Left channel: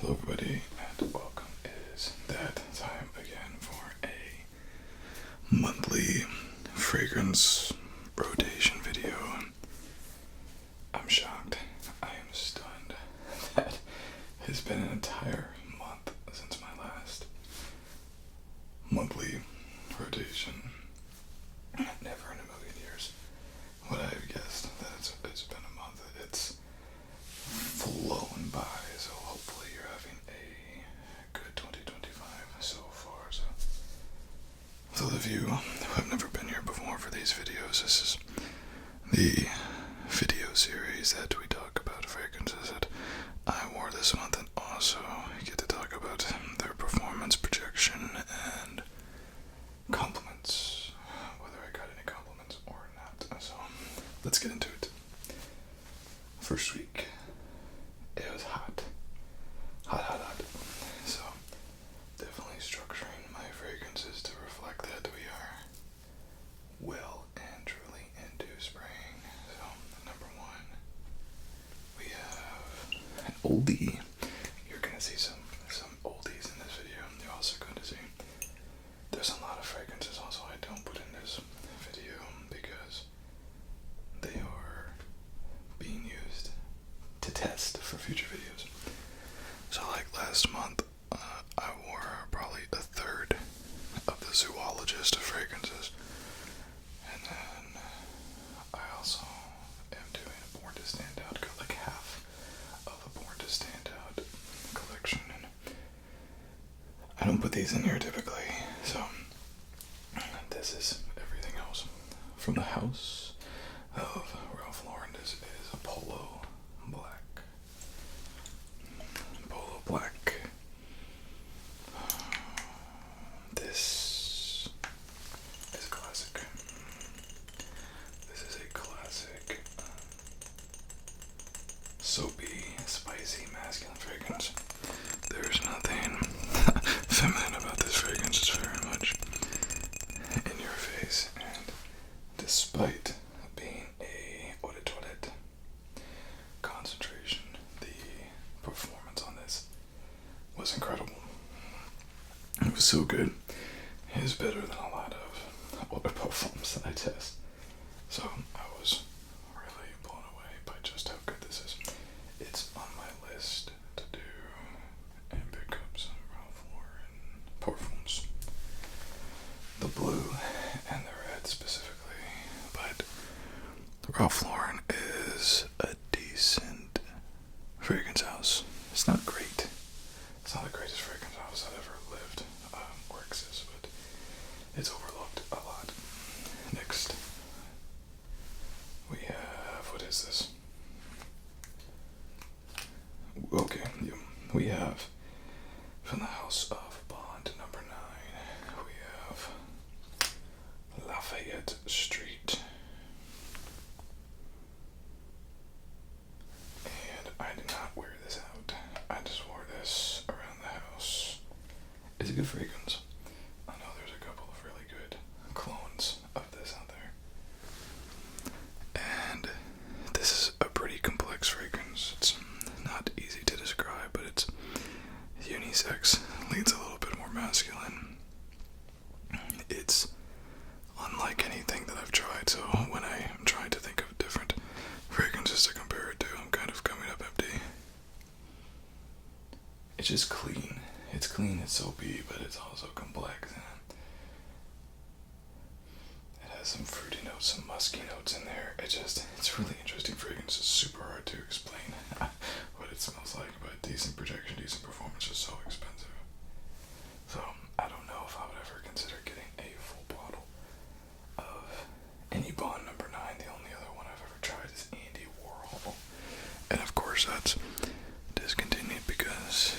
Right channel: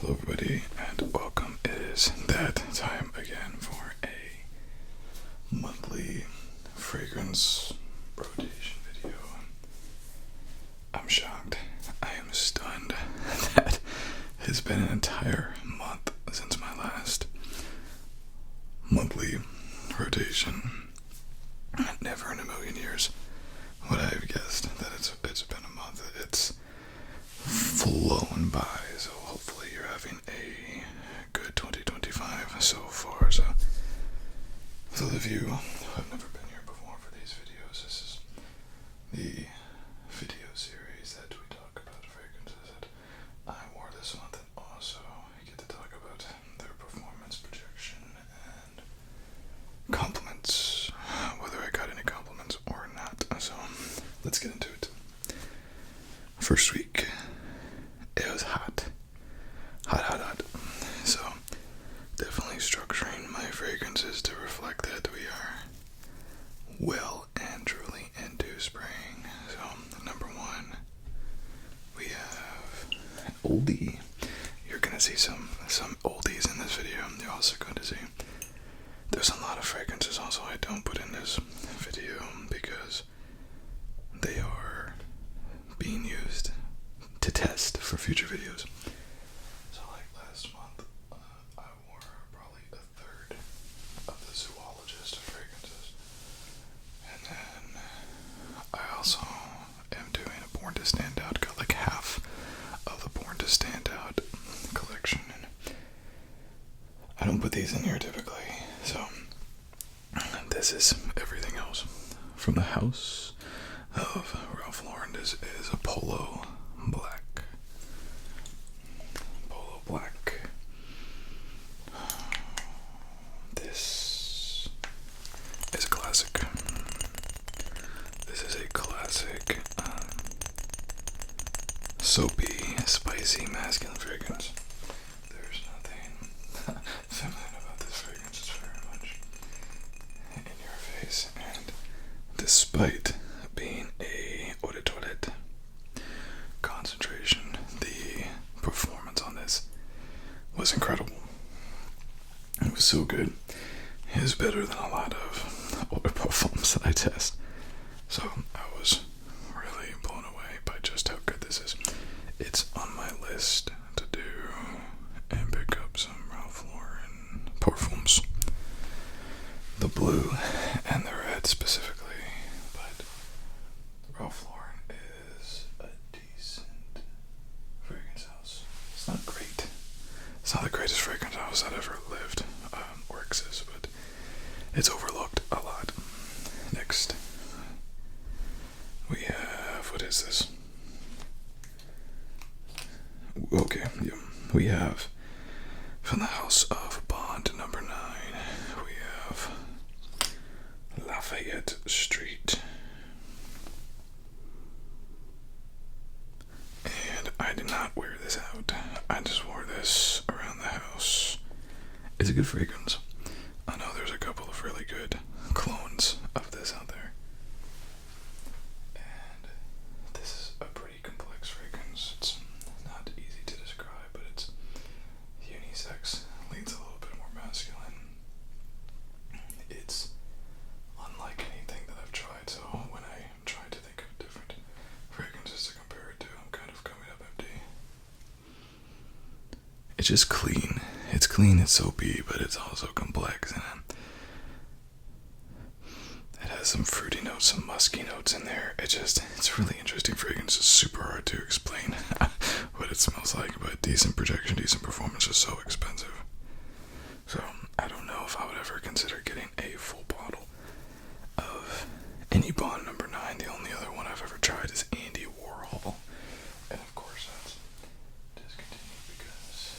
Hello everybody and welcome. It is that time again for a monthly fragrance rotation video. I'm shocked. I am stunned. That has been an entire month since my last monthly rotation. Never in a million years would I have guessed that it's been a month. It's flown by, so hopefully you're having a good 2025 so far. So for those of you who have never been here before for these videos, this is the video series that we talk about fragrances that I wore this month, and also get to talk about their performance, projection, and compliments, whether I got any compliments or not. So let's get into it. First week, it was hot. Hot. So definitely structuring my fragrances to reflect that we are well and truly into spring. So number one, we have oldie. You're gonna see some oldies in this video. You're also going to see there's a lot of fragrances also I don't put in this video because they are being used to test for future videos. So like last month, I wore probably a third of the zoologist of fragrances, and then I also am doing a Born to Stand Out, got like half of the Born to Stand Out collection, and I don't put these in here typically, so this is everything else from the house of Ralph Lauren. This is a Polo Black. This is a classic. This is a classic soapy, spicy, masculine fragrance. There's nothing feminine about this fragrance. It's very much in your face, and despite being a eau de toilette concentration, the performance on this was incredible. It was so good. It is better than a lot of other perfumes that I test. So I was really blown away by just how good this is. It's on my list to do and pick up some Ralph Lauren perfumes. The blue and the red specifically, but Ralph Lauren is a decent fragrance house. It's not great. It's not the greatest fragrance house that ever lived or exists, but it's overlooked a lot. Next, we have, what is this? Okay, yeah. We have from the house of Bond number 9, we have Lafayette Street. And I did not wear this out. I just wore this around the house. It's a good fragrance. I know there's a couple of really good clones of this out there. And this is a pretty complex fragrance. It's not easy to describe, but it's unisex, leans a little bit more masculine. It's unlike anything that I've tried, so when I'm trying to think of different fragrances to compare it to, I'm kind of coming up empty. It's just clean. It's clean, it's soapy, but it's also complex, and it has some fruity notes, some musky notes in there. It's a really interesting fragrance. It's super hard to explain what it smells like, but decent projection, decent performance is so expensive. So I don't know if I would ever consider getting a full bottle of any Bond number 9. The only other one I've ever tried is Andy Warhol, and of course that's discontinued because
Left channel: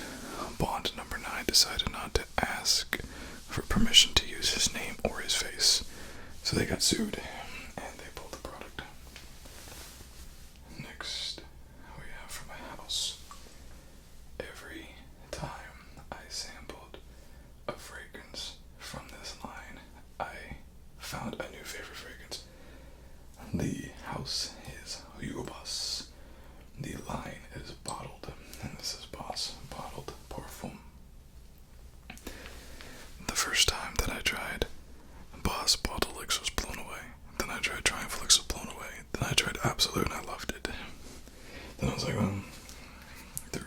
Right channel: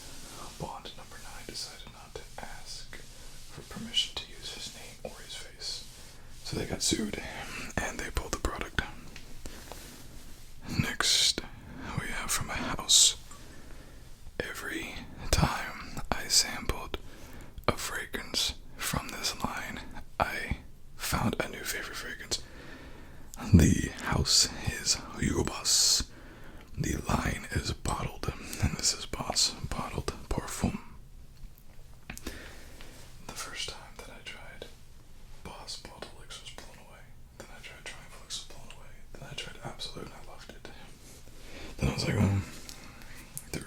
Bond number 9 decided not to ask for permission to use his name or his face, so they got sued and they pulled the product. Next, we have from a house. Every time I sampled a fragrance from this line, I found a new favorite fragrance. The house is Hugo Boss. The line is bottled, and this is Boss bottled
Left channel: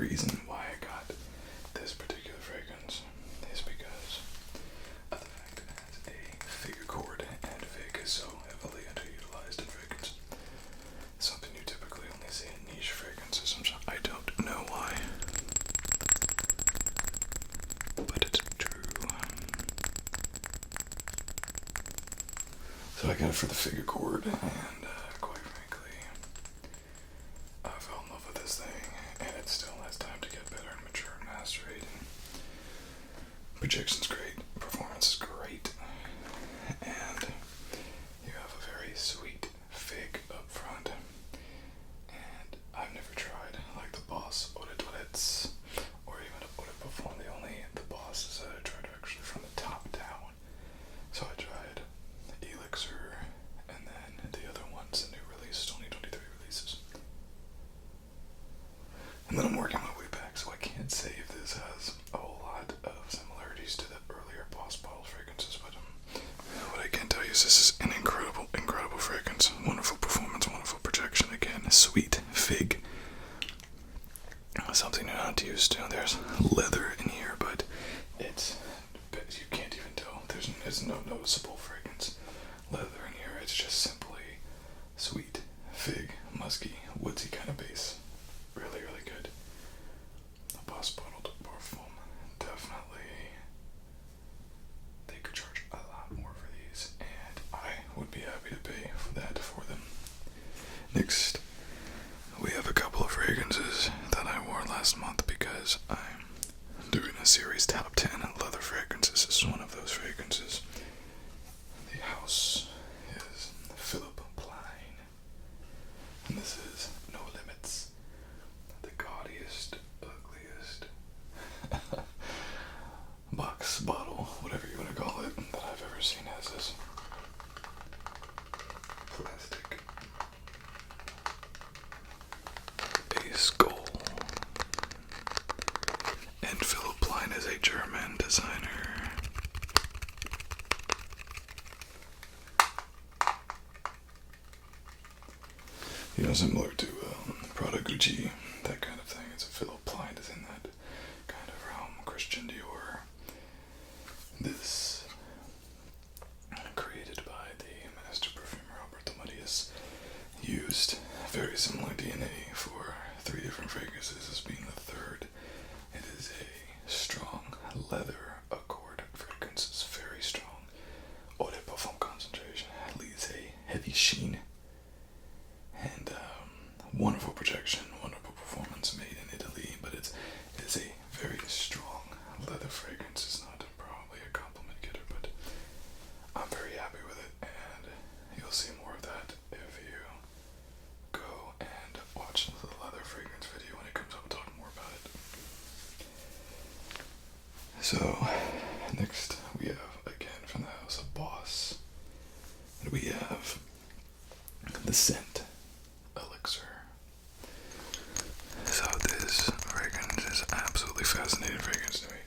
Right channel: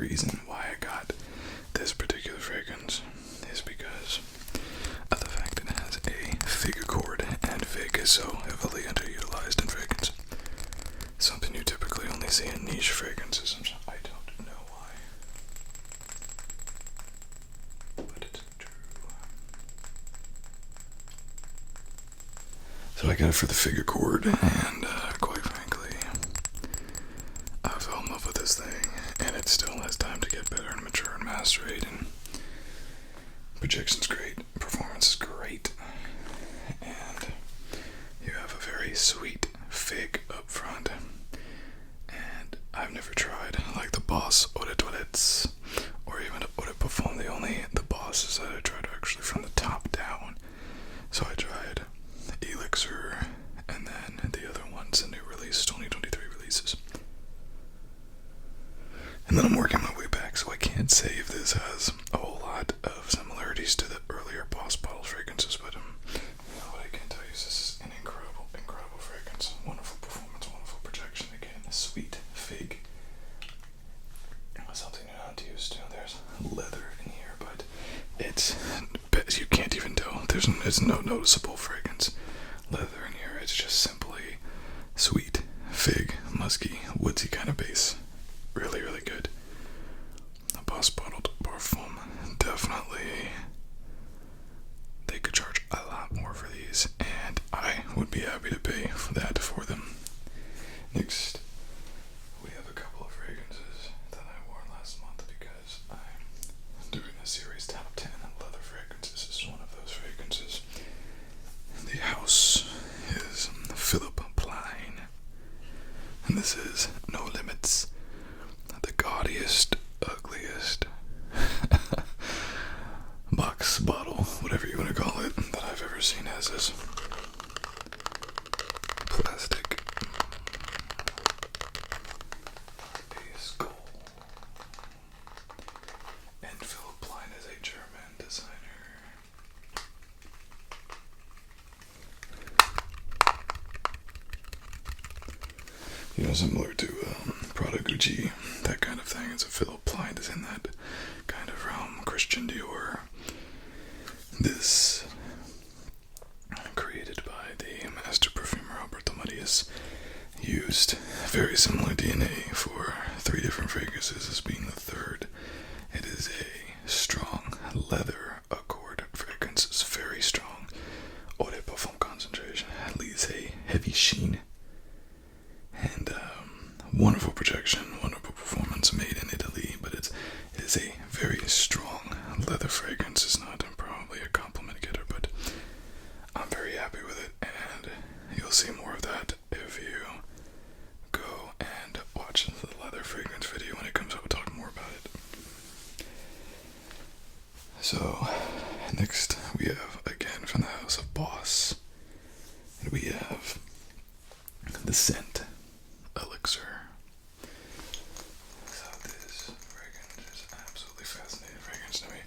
reason why I got this particular fragrance is because of the fact it has a fig chord, and fig is so heavily underutilized in fragrance. Something you typically only see in niche fragrances, and I don't know why, but it's true. So I got it for the fig chord, and quite frankly, I fell in love with this thing, and it still has time to get better and mature and macerate, and projection's great, performance is great, and you have a very sweet fig up front. And I've never tried like the Boss Eau de Toilettes or even Eau de Parfum. The Bosses that I tried are actually from the top down. So I tried Elixir and then the other ones, the new release, 2023 releases. And then I'm working my way back, so I can't say if this has a whole lot of similarities to the earlier Boss bottle fragrances, but what I can tell you is this is an incredible, incredible fragrance. Wonderful performance, wonderful projection. Again, sweet fig. Something you're not used to. There's leather in here, but you can't even tell. There's no noticeable fragrance leather in here. It's just simply sweet fig, musky, woodsy kind of base. Really, really good. A Boss bottled Parfum. Definitely. They could charge a lot more for these, and I would be happy to pay for that for them. Next, we have a couple of fragrances that I wore last month because I'm doing a series top 10 leather fragrances. This is one of those fragrances. The house is Philip Plein, and this is No Limits. The gaudiest, ugliest box, bottle, whatever you want to call it, that I've ever seen. Has this plastic a skull, and Philip Plein is a German designer. You know, similar to Prada, Gucci, that kind of thing. It's a Philip Plein is in that kind of realm. Christian Dior. This, created by the master perfumer Alberto Marias, used very similar DNA for 3 different fragrances, as being the third. It is a strong leather accord fragrance. It's very strong. Eau de Parfum concentration. It leaves a heavy sheen. And wonderful projection, wonderful performance, made in Italy, but it is a very strong leather fragrance. It's not probably a compliment getter, but I'm very happy with it, and you'll see more of that if you go and watch the leather fragrance video when it comes up. We'll talk more about it. So, next we have, again, from the house of Boss, we have the scent Elixir. So this fragrance is absolutely fascinating fragrance to me,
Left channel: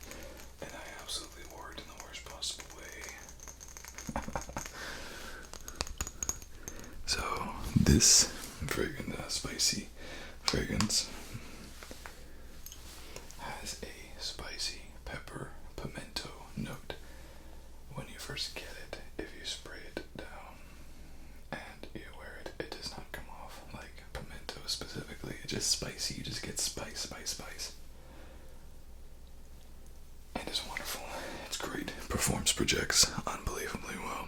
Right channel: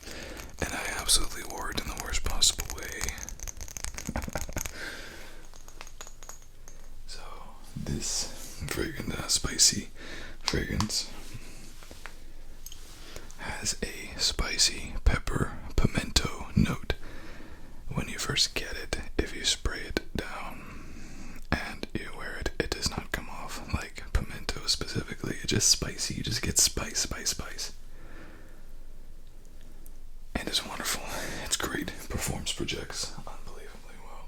and I absolutely wore it in the worst possible way. So this fragrance, spicy fragrance, has a spicy pepper pimento note. When you first get it, if you spray it down and you wear it, it does not come off like pimento specifically. It's just spicy. You just get spice. And it's wonderful. It's great. Performs, projects unbelievably well.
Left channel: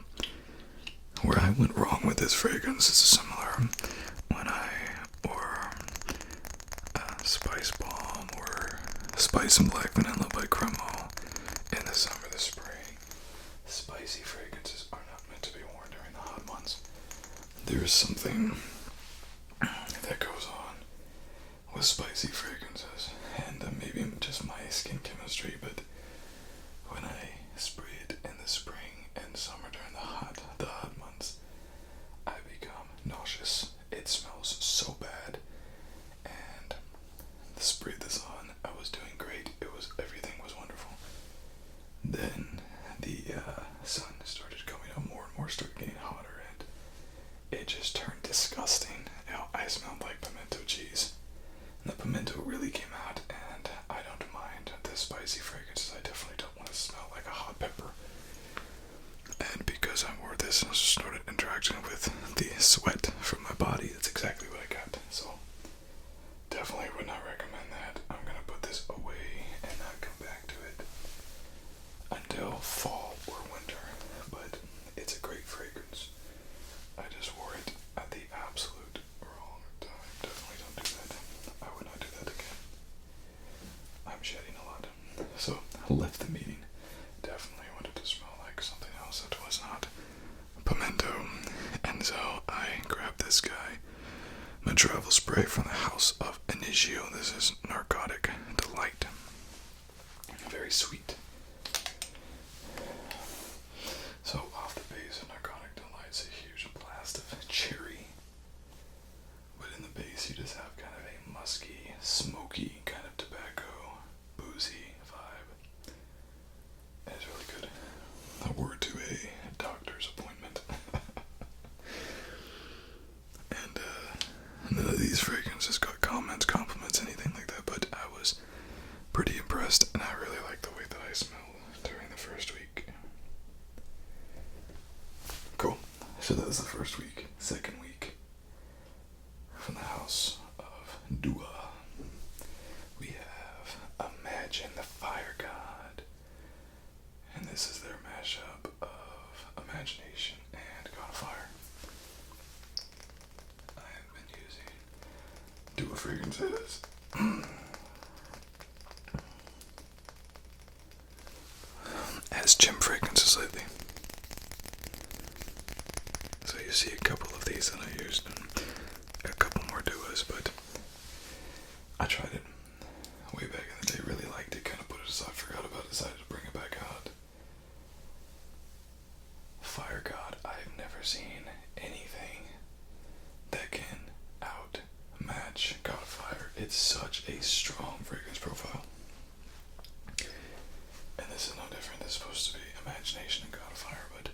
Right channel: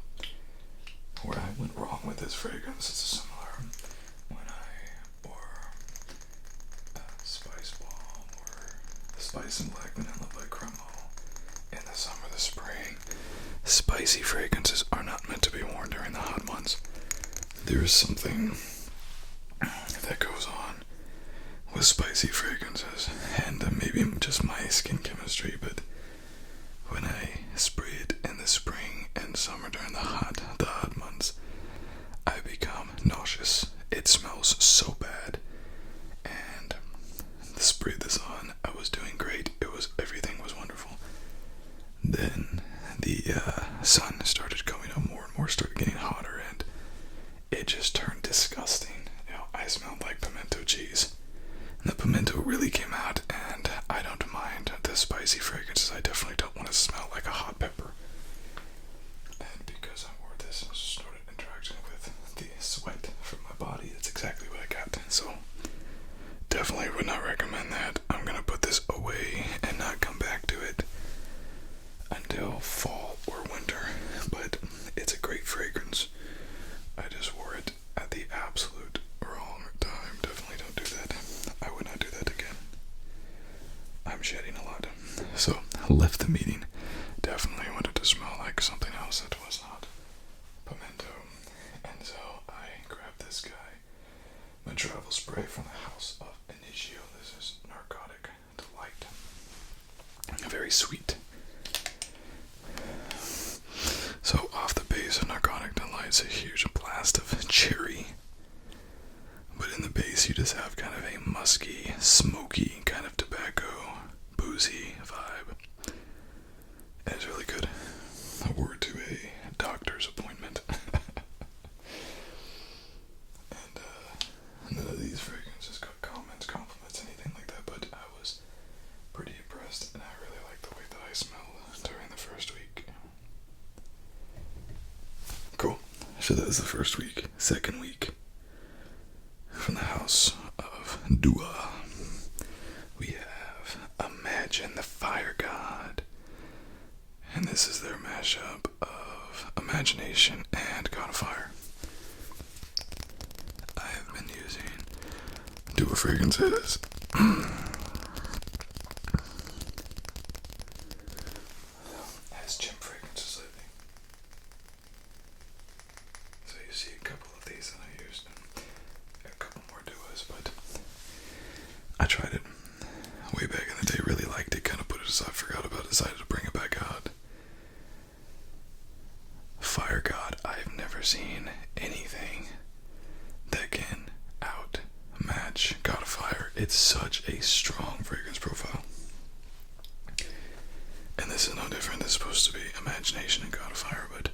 Where I went wrong with this fragrance is similar when I wore Spice Bomb or Spice and Black Vanilla by Cremo in the summer, the spring. Spicy fragrances are not meant to be worn during the hot months. There is something that goes on with spicy fragrances, and maybe just my skin chemistry, but when I spray it in the spring and summer during the hot months, I become nauseous. It smells so bad, and the spray this on, I was doing great. Everything was wonderful. Then the sun started coming up more and more, started getting hotter, and it just turned disgusting. I smelled like pimento cheese. And the pimento really came out, shedding a lot. So I left the meeting. Definitely wanted to smell like something else that was not pimento. And so I grabbed this guy, my travel spray from the house of Inigio. This is Narcotic Delight. Very sweet. So off the base of Narcotic Delight's a huge blast of cherry. But in the base you just have kind of a musky, smoky, kind of tobacco, boozy vibe. It's really good. I wore it to a doctor's appointment. And none of these fragrances got comments, compliments, anything like that, but I was pretty impressed, and I really liked the way that I smelled during the first week. Cool. So that was the first week. Second week, from the house of DUA, we have Imagine the Fire God. And this is their mashup of Imagination and God of Fire. I have been using DUA fragrances as gym fragrances lately. So you see a couple of these that I used and a couple more DUAs, but I tried it way back in the day, really liked it, kind of put it aside, forgot about it, decided to bring it back out. Fire God, I've never seen anything that can outmatch God of Fire. It's such a strong fragrance profile. And this is no different. This is supposed to be Imagination and God of Fire, but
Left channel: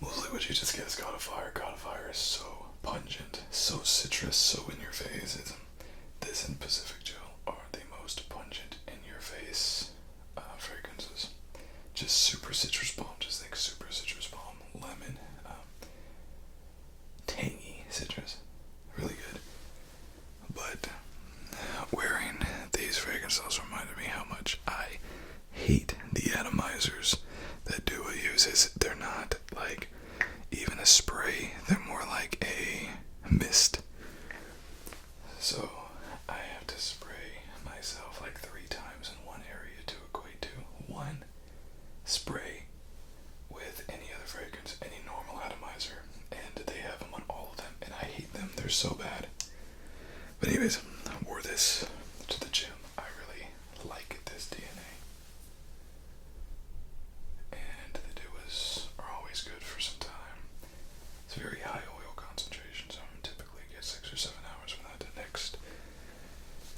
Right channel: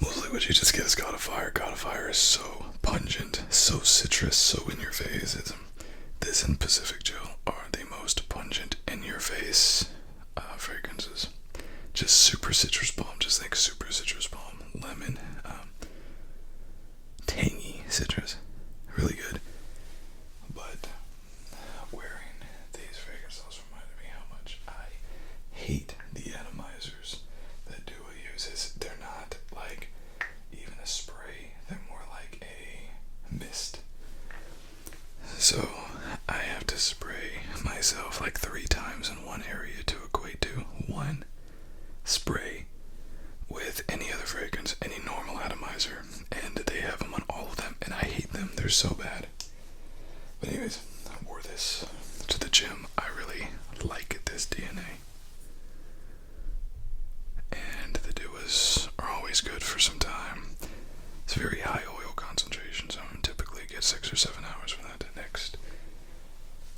mostly what you just get is God of Fire. God of Fire is so pungent, so citrus, so in your face. This and Pacific Gel are the most pungent, in your face fragrances. Just super citrus bomb. Just think super citrus bomb, lemon, tangy citrus, really good. But wearing these fragrances reminded me how much I hate the atomizers that DUA uses. They're not like even a spray, they're more like a mist. So I have to spray myself like 3 times in one area to equate to one spray with any other fragrance, any normal atomizer, and they have them on all of them, and I hate them. They're so bad. But anyways, I wore this to the gym. I really like this DNA. And the DUAs are always good for some time. It's very high oil concentration, so I typically get 6 or 7 hours from that. Next,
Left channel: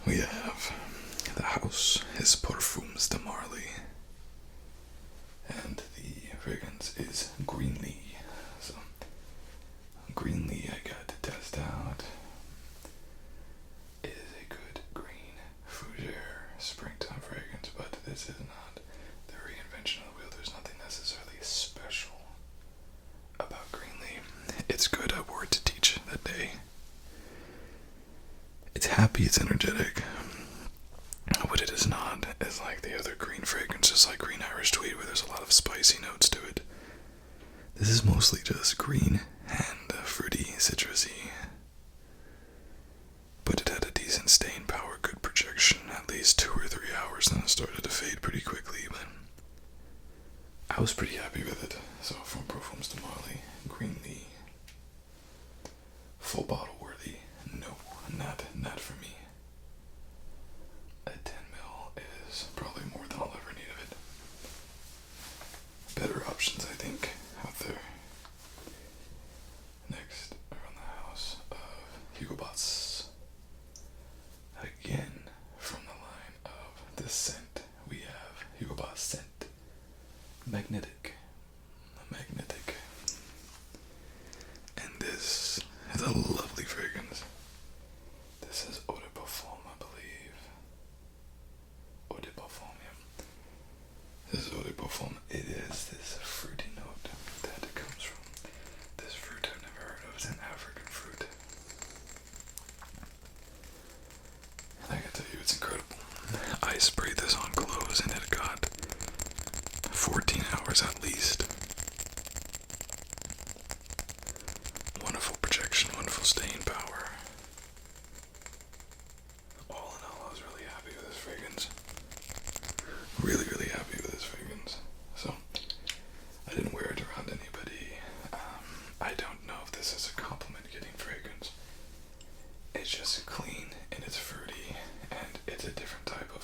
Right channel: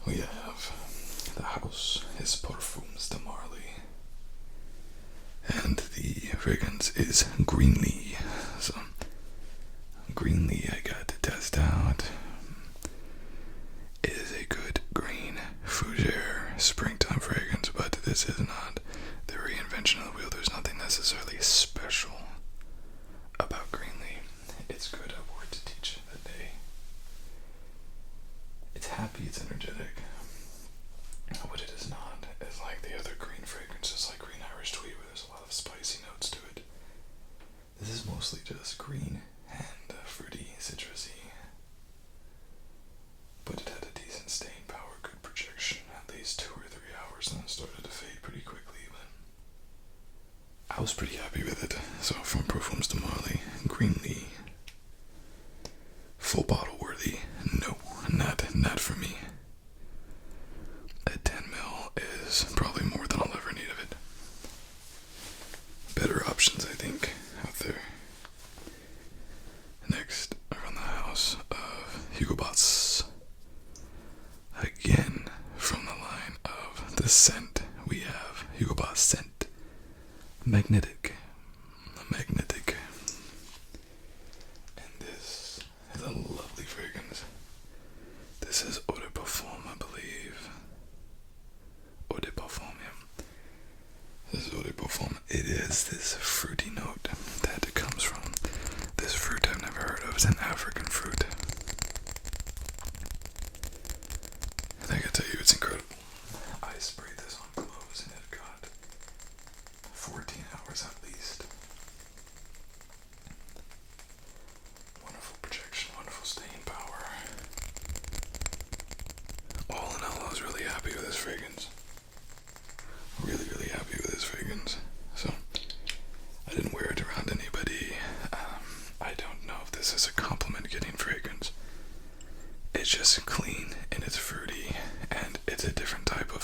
we have the house, his Perfumes de Marley. And the fragrance is Greenley. So, Greenley I got to test out. It is a good green fougere springtime fragrance, but this is not the reinvention of the wheel. There's nothing necessarily special about Greenley. It's good. I wore it to teach that day. It's happy, it's energetic. What it is not is like the other green fragrances, like Green Irish Tweed, where there's a lot of spicy notes to it. This is mostly just green and fruity, citrusy. But it had a decent stain power, good projection, at least 2 or 3 hours, then it started to fade pretty quickly, but I was pretty happy with it. So from Perfumes de Marley, Greenley, full bottle worthy? No, not for me. At 10 ml is probably more than I'll ever need of it. Better options, I think, out there. Next, from the house of Hugo Boss. Again, from the line of the scent, we have Hugo Boss Scent Magnetic. And this is a lovely fragrance. This is Eau de Parfum, I believe. Eau de Parfum, yeah. This is Eau de Parfum. It is this fruity note that comes from this fruit I've never heard of. It's an African fruit. And I gotta tell you, it's incredible. I sprayed this on clothes and it got 14 hours at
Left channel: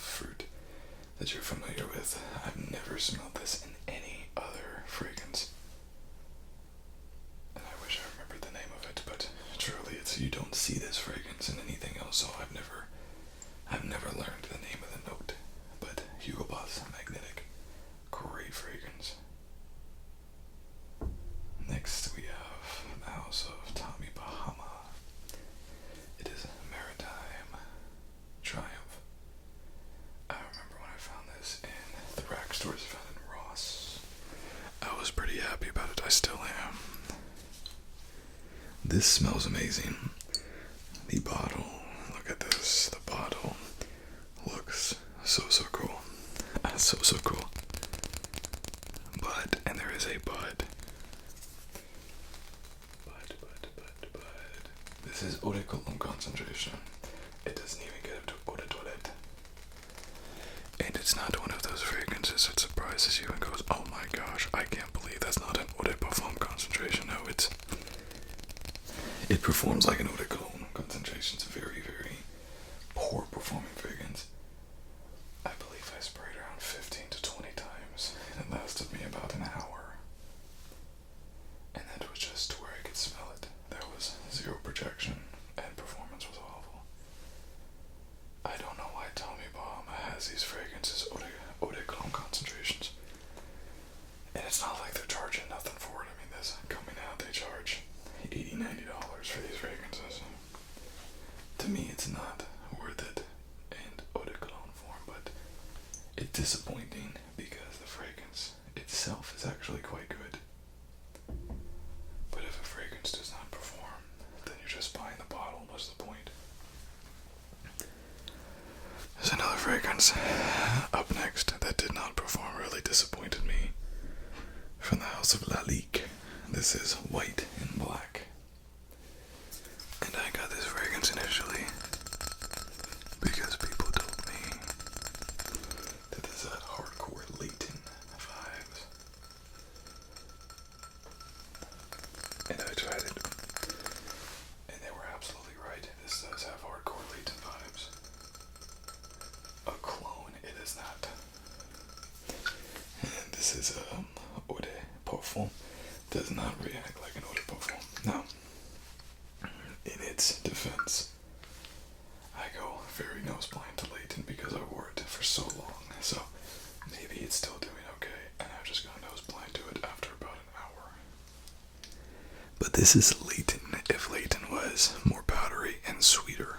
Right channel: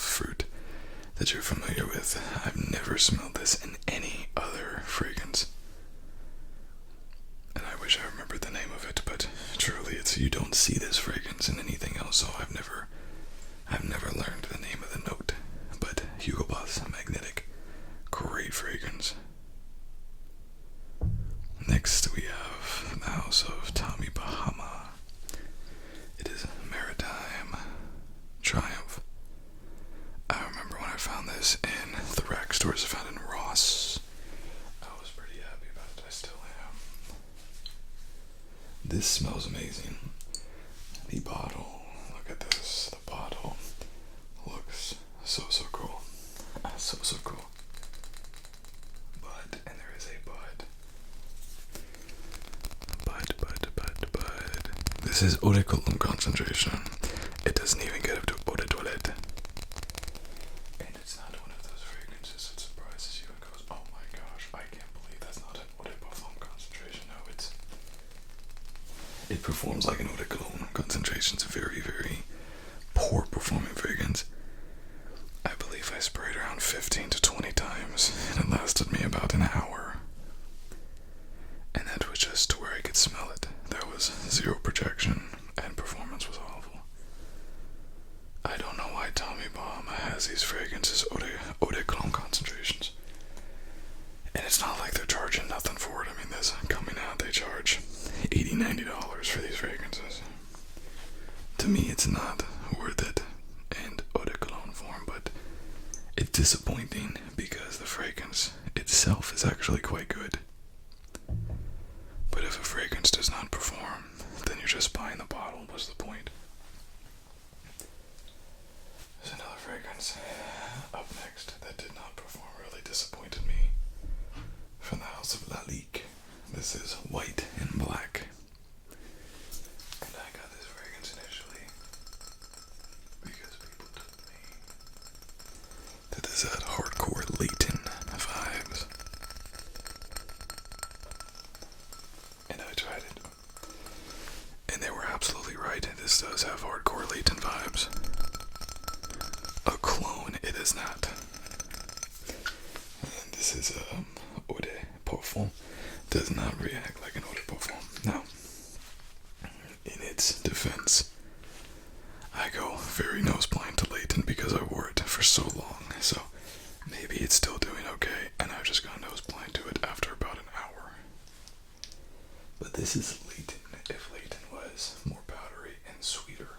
fruit that you're familiar with. I've never smelled this in any other fragrance. And I wish I remembered the name of it, but truly you don't see this fragrance in anything else, so I've never learned the name of the note. But Hugo Boss Magnetic, great fragrance. Next we have the house of Tommy Bahama. It is Maritime Triumph. I remember when I found this in the rack stores I found in Ross. I was pretty happy about it. I still am. This smells amazing. The bottle, look at this. The bottle looks so cool. So cool. But, and there is a but. This is eau de cologne concentration. It doesn't even get up to eau de toilette. And it's not one of those fragrances that surprises you and goes, oh my gosh, I can't believe that's not an eau de parfum concentration. No, it performs like an eau de cologne concentration. It's a very poor performing fragrance. I believe I sprayed around 15 to 20 times, and it lasted me about an hour. And that was just to where I could smell it. There was zero projection, and performance was awful. I don't know why Tommy Bahama has these fragrances, eau de cologne concentrations. And it's not like they're charging nothing for it. I mean, this coming out, they charge $80, $90 for these fragrances. To me, it's not worth it in eau de cologne form, but it's disappointing because the fragrance itself is actually quite good. But if a fragrance does not perform, then you're just buying the bottle. What's the point? There's another fragrance up next that did not perform, really disappointed me. From the house of Lalique. This is White and Black. And I got this fragrance initially because people told me that this had hardcore Leighton vibes. And I tried it. And they were absolutely right. This does have hardcore Leighton vibes. A clone, it is not. And this is eau de parfum. Does not react like an eau de parfum. Now, in its defense, I go very nose blind to Leighton because I wore it for so long. So maybe it's still doing okay, and I've just gone nose blind to it after about an hour. But this is Leighton if Leighton was more powdery and sweeter.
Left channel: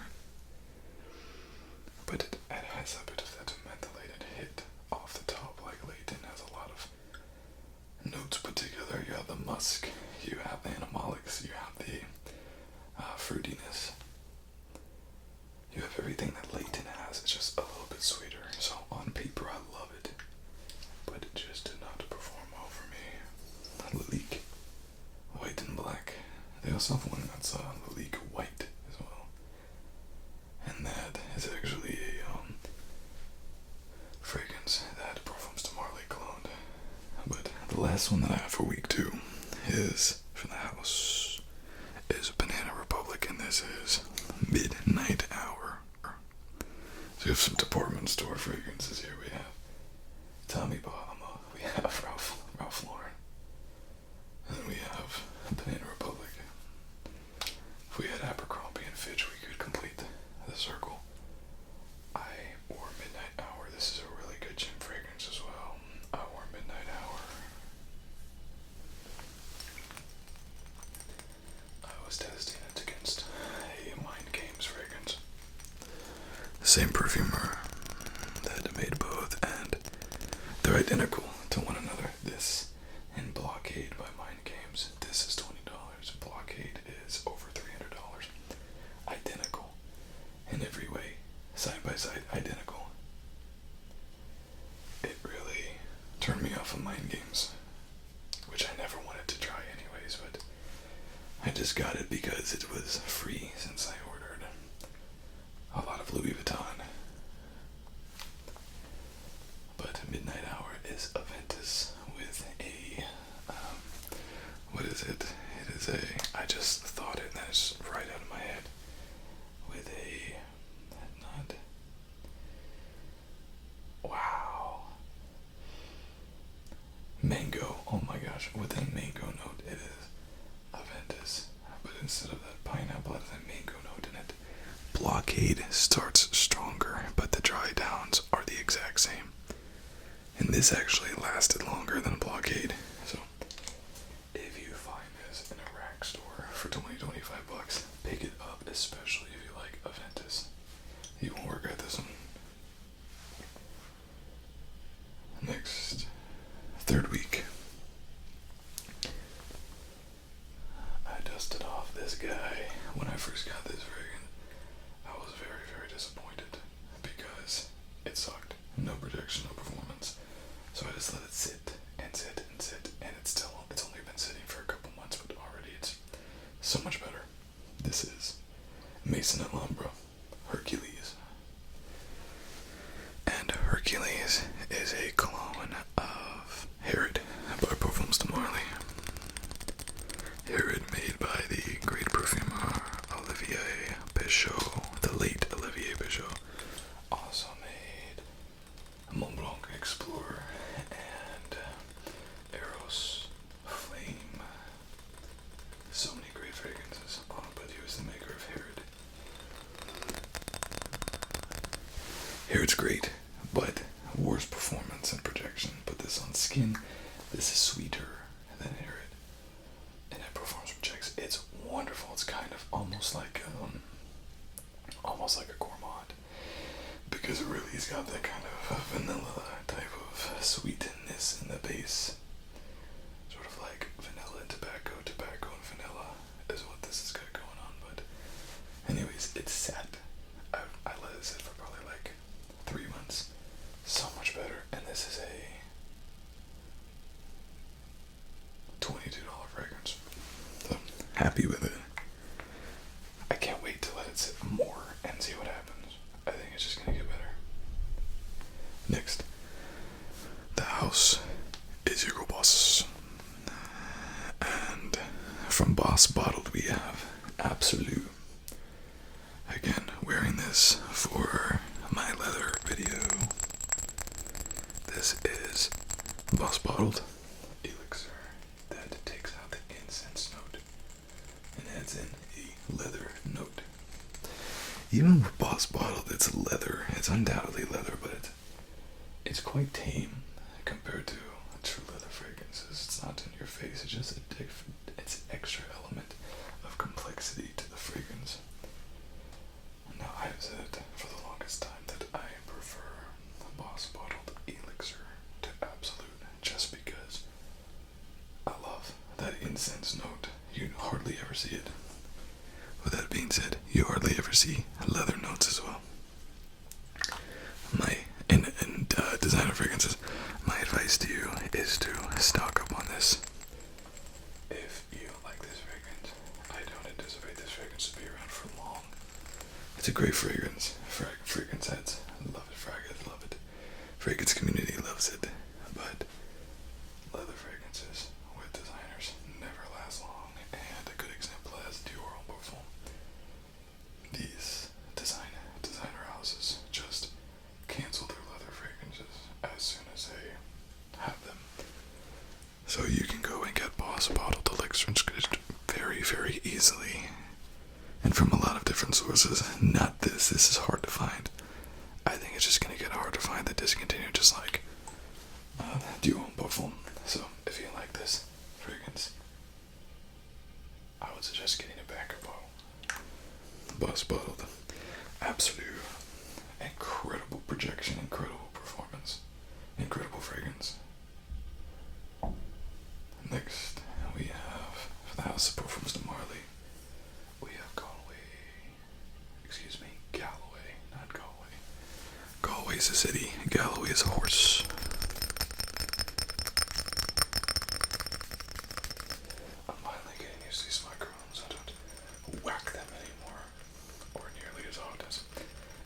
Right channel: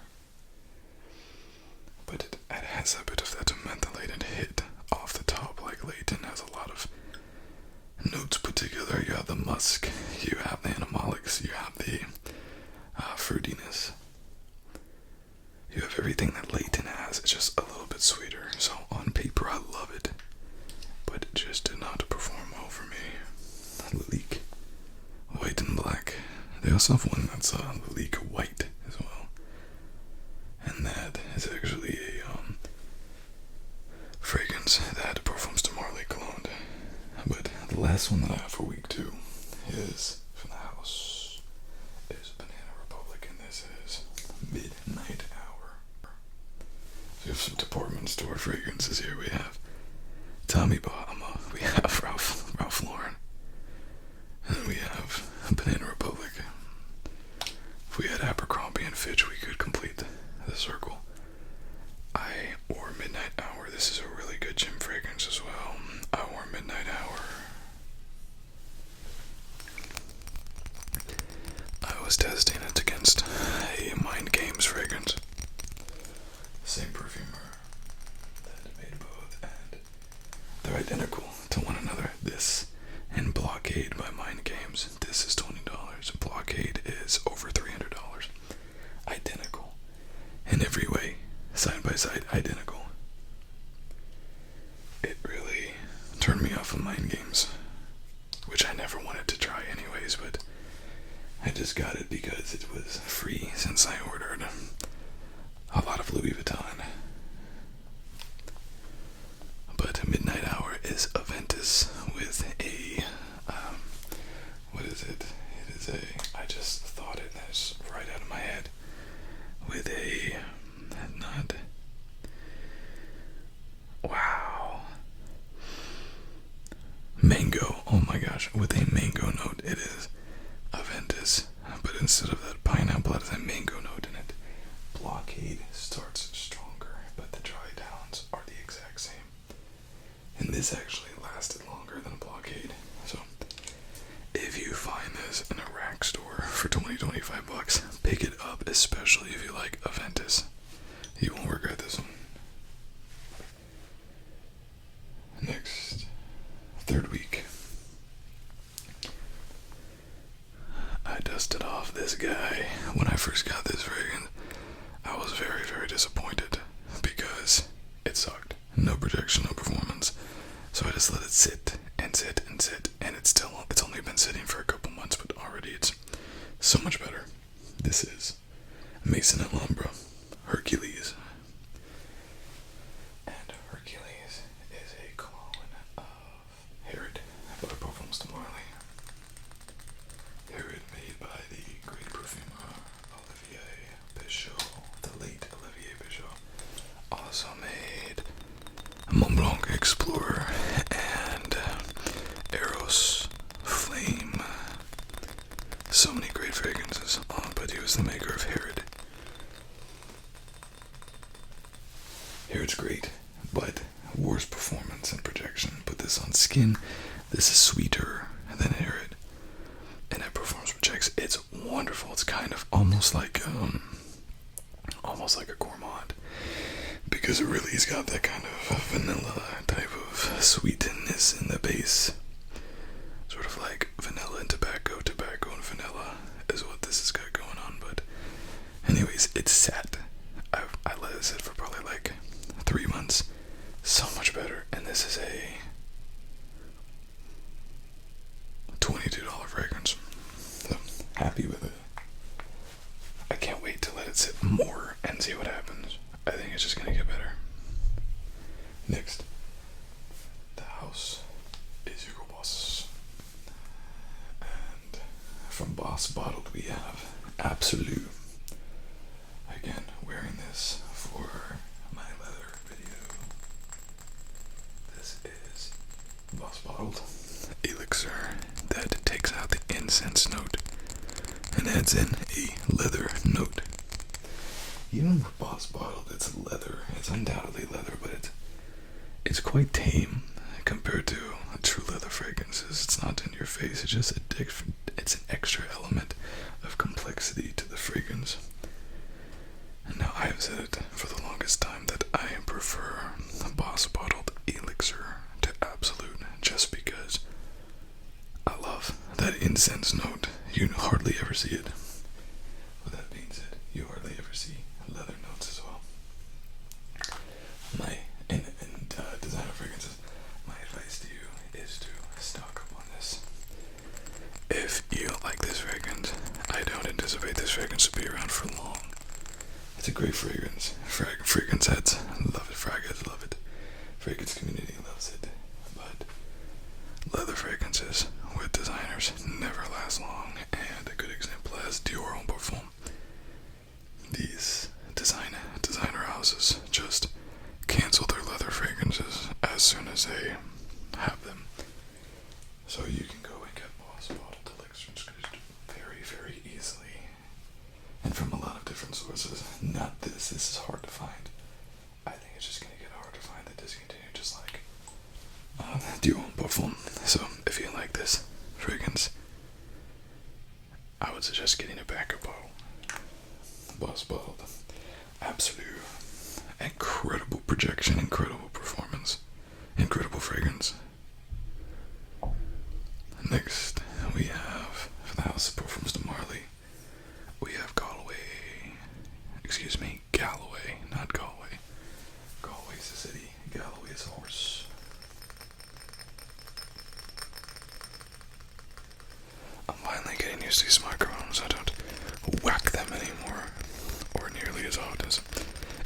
But it has a bit of that mentholated hit off the top, like Leighton has a lot of notes put together. You have the musk, you have the animalics, you have the fruitiness. You have everything that Leighton has. It's just a little bit sweeter. So on paper, I love it, but it just did not perform well for me. Lalique, White and Black. They also have one that's Lalique White as well, and that is actually a fragrance that performs to Marley Cologne. But the last one that I have for week 2 is from the house is Banana Republic, and this is Midnight Hour. So we have some department store fragrances here. We have Tommy Bahama, we have Ralph Lauren, and we have Banana Republic. If we had Abercrombie and Fitch, we could complete the circle. I wore Midnight Hour. This is a really good gym fragrance as well. I wore Midnight Hour. I was testing it against a Mind Games fragrance. The same perfumer that made both, and they're identical to one another. This and Blockade by Mind Games. This is $20. Blockade is over $300. Identical. In every way. Side by side, identical. It really turned me off of Mind Games, which I never wanted to try anyways, but I just got it because it was free since I ordered a lot of Louis Vuitton. But Midnight Hour is Aventus with a, what is it? It is a, I just thought it and it's right out of my head, with a, not, with a mango note. It is Aventus, but instead of that pineapple, it has a mango note in it. Blockade starts stronger, but the dry downs are the exact same. And this actually lasted longer than Blockade. So, if you find this in a rack store for $20-25, pick it up, especially if you like Aventus. You won't regret this one. Next, third week. I dusted off this guy. When I first got this fragrance, I was very, very disappointed because it sucked. No projection, no performance. So I just let it sit and sit and sit, and it's only been sitting for a couple months, but already it's so much better. This is Maïson Alhambra, Hercules. And Hercules is a clone of Herod by Perfume Marley. Herod made by the great perfumer Olivier Pichot, the late Olivier Pichot. Also made Mont Blanc Explorer and Eros Flame. So many great fragrances, but he was the maker of Herod. Herod's great, but worse performance and projection. Put this on skin, this is sweeter than Herod. And it performs, projects. It's wonderful. It's kind of almost like a gourmand, because it really has got that kind of vanilla type of sweetness in the base. Sort of like vanilla and tobacco, tobacco and vanilla is what this has got going on. But anyways, it's sat. I let it sit for probably like 3 months. So much better. And this is a $22 fragrance. So happy with it. I can't wait to let it sit more and see what happens. I think it's just gonna get better. Next, the house is Hugo Boss. And from Boss Bottled we have Absolute. Again, wearing this for my leather video. This is Boss Bottled Elixir that takes out the incense note and adds in a leather note. Even with Boss Bottled, it's leather. It's undoubtedly leather, but it's quite tame compared to true leather fragrances. It's not in your face. It's just it's an extra element of complexity to the fragrance. And now I have said it for the longest time that I prefer Boss Bottled Elixir to Absolute, just because I love that incense note. You hardly ever see it. With that being said, you hardly ever see leather notes as well. In designer fragrances, my advice to you is to stock up on this. If you like this fragrance, I don't anticipate this fragrance to be around for long. It's a great fragrance. Fragrance heads love it. Fraggers love it. Fragrance community loves it. But leather fragrances with designers never last long. And a good example is Dior and Parfume. These designer houses just cancel their leather fragrances as soon as they have them. So you can go and get Boss Bottled Elixir very, very easily. And from a lot of different sources. Not this. This is hard to find. I think it's just going to get hard to find the discontinued, just like Dior and Parfum. So if you like this fragrance, I would suggest getting a backup bottle. Boss Bottled. Absolute. Incredible projection, incredible performance, incredible fragrance. Next, we have, for the House of Perfumes de Marley, we have Galloway, not Galway. Galway is a city, Galloway is a horse. I'm finally getting used to these microphones. I don't whack them anymore, or nearly as often.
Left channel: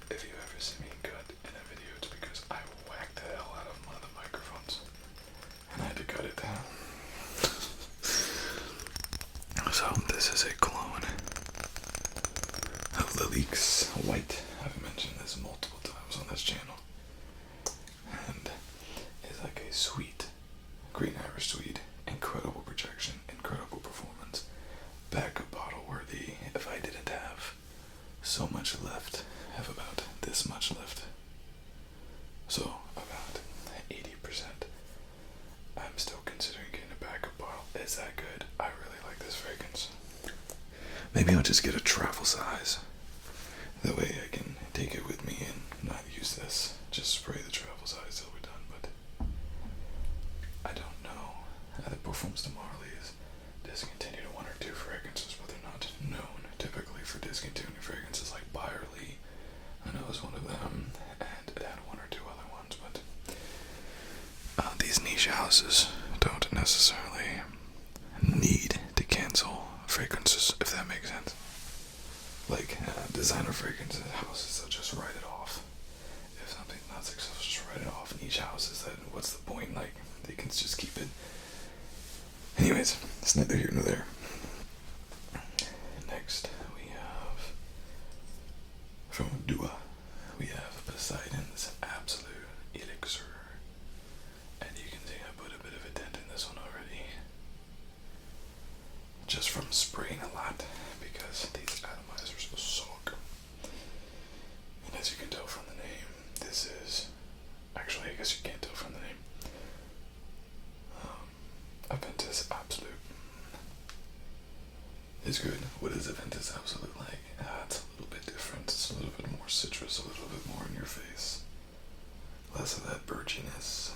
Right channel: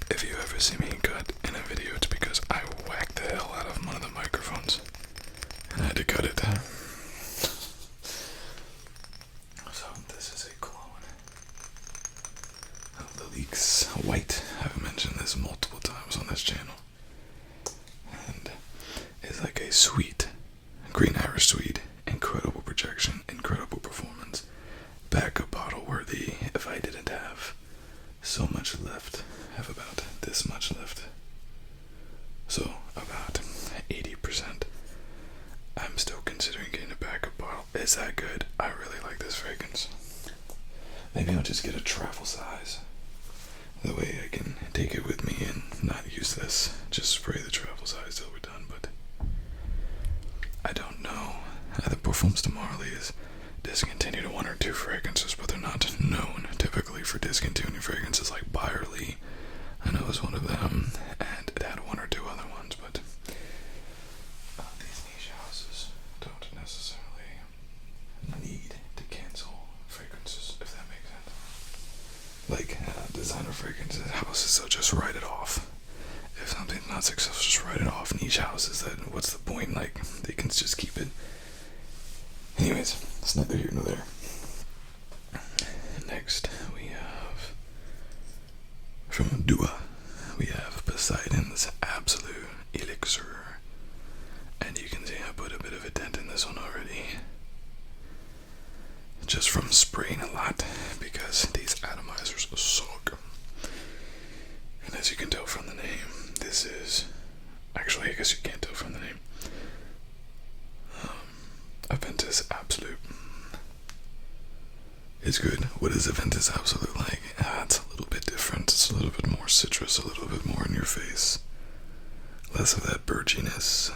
If you ever see me cut in a video, it's because I whacked the hell out of one of the microphones, and I had to cut it. So this is a clone of Lalique's White. I've mentioned this multiple times on this channel. And it's like a sweet, green Irish sweet, incredible So about 80%. I'm still considering getting a backup bottle. Is that good? I really like this fragrance. Maybe I'll just get a travel size. That way I can take it with me and not use this. Just spray the travel size till we're done. But I don't know. The Perfumes de Marly is discontinued 1 or 2 fragrances, but they're not known typically for discontinuing fragrances like Byerly. I know it was one of them, and it had 1 or 2 other ones, but these niche houses don't necessarily need to cancel fragrances, if that makes sense. Like designer fragrances houses, they'll just write it off. If something's not successful, just write it off. Niche houses, then what's the point? Like, they can just keep it. Anyways, it's neither here nor there. Next, we have from DUA, we have Poseidon's Absolute Elixir. And you can see I put a bit of a dent in this one already. Just from spraying a lot, because these atomizers suck. And as you can tell from the name, this is, actually I guess you can't tell from the name, Aventus Absolute. It's good. What is Aventus Absolute like? It's a little bit different. It's a little bit more citrus, a little bit more in your face. Less of that birchiness.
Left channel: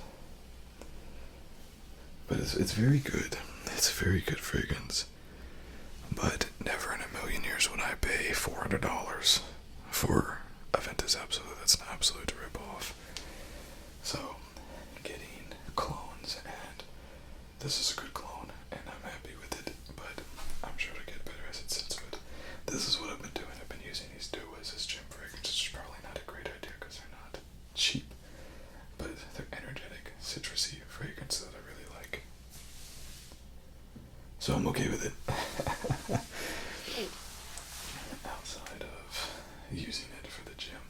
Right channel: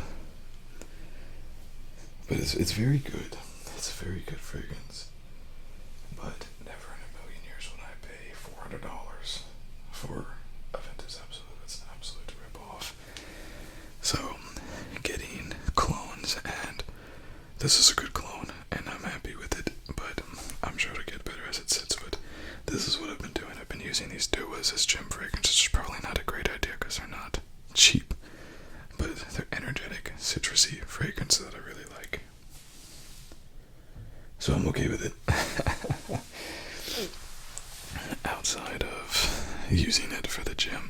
But it's very good. It's a very good fragrance. But never in a million years would I pay $400 for Aventus Absolute. That's an absolute rip-off. So, getting clones, and this is a good clone, and I'm happy with it, but I'm sure it'll get better as it sits. But this is what I've been doing. I've been using these DUAs as gym fragrances, which is probably not a great idea because they're not cheap, but they're energetic, citrusy fragrances that I really like. So I'm okay with it. Outside of using it for the gym,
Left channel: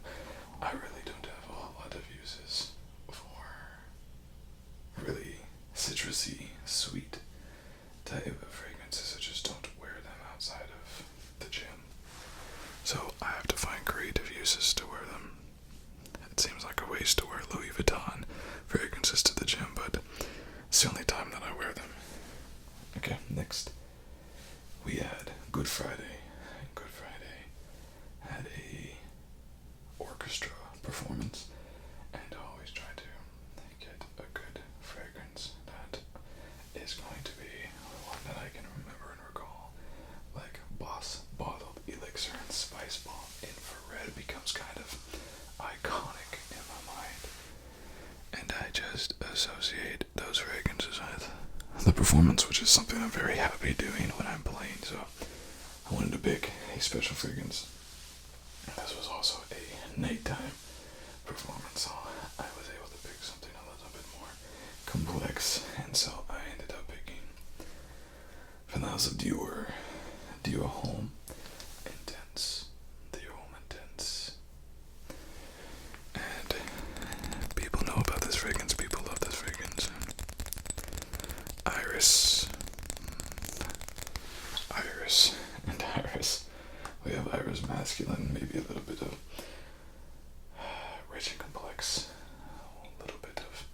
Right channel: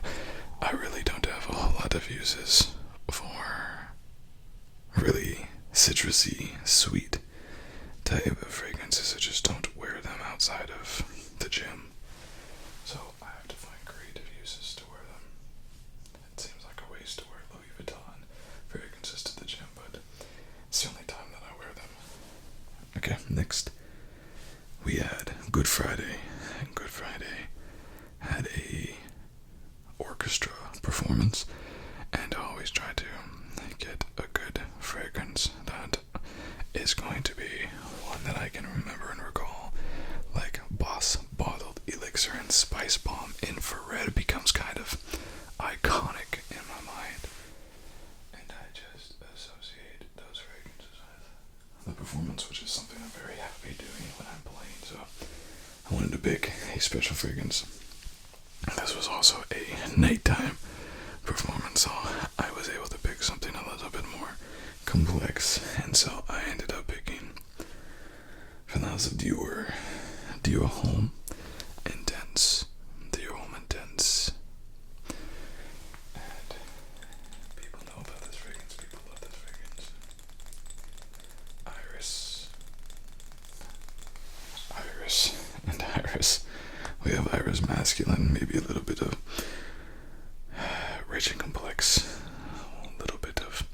I really don't have a whole lot of uses for really citrusy, sweet type of fragrances. I just don't wear them outside of the gym. So I have to find creative uses to wear them. It seems like a waste to wear Louis Vuitton fragrances to the gym, but it's the only time that I wear them. Okay, next we had Good Friday. And Good Friday had a orchestra performance, and I always try to get a good fragrance that is going to be one that I can remember and recall. Like Boss Bottled Elixir and Spice Bomb Infrared becomes kind of iconic in my mind, and I just associate those fragrances with the performance, which is something I'm very happy doing when I'm playing. So I wanted to pick a special fragrance. This was also a nighttime performance, so I was able to pick something a little bit more complex, and so I ended up picking from the House of DUA Home Intense. DUA Home Intense. And people know about this fragrance, people love this fragrance. Iris. We have Iris Masculine, maybe a little bit of rich and complex, a little bit of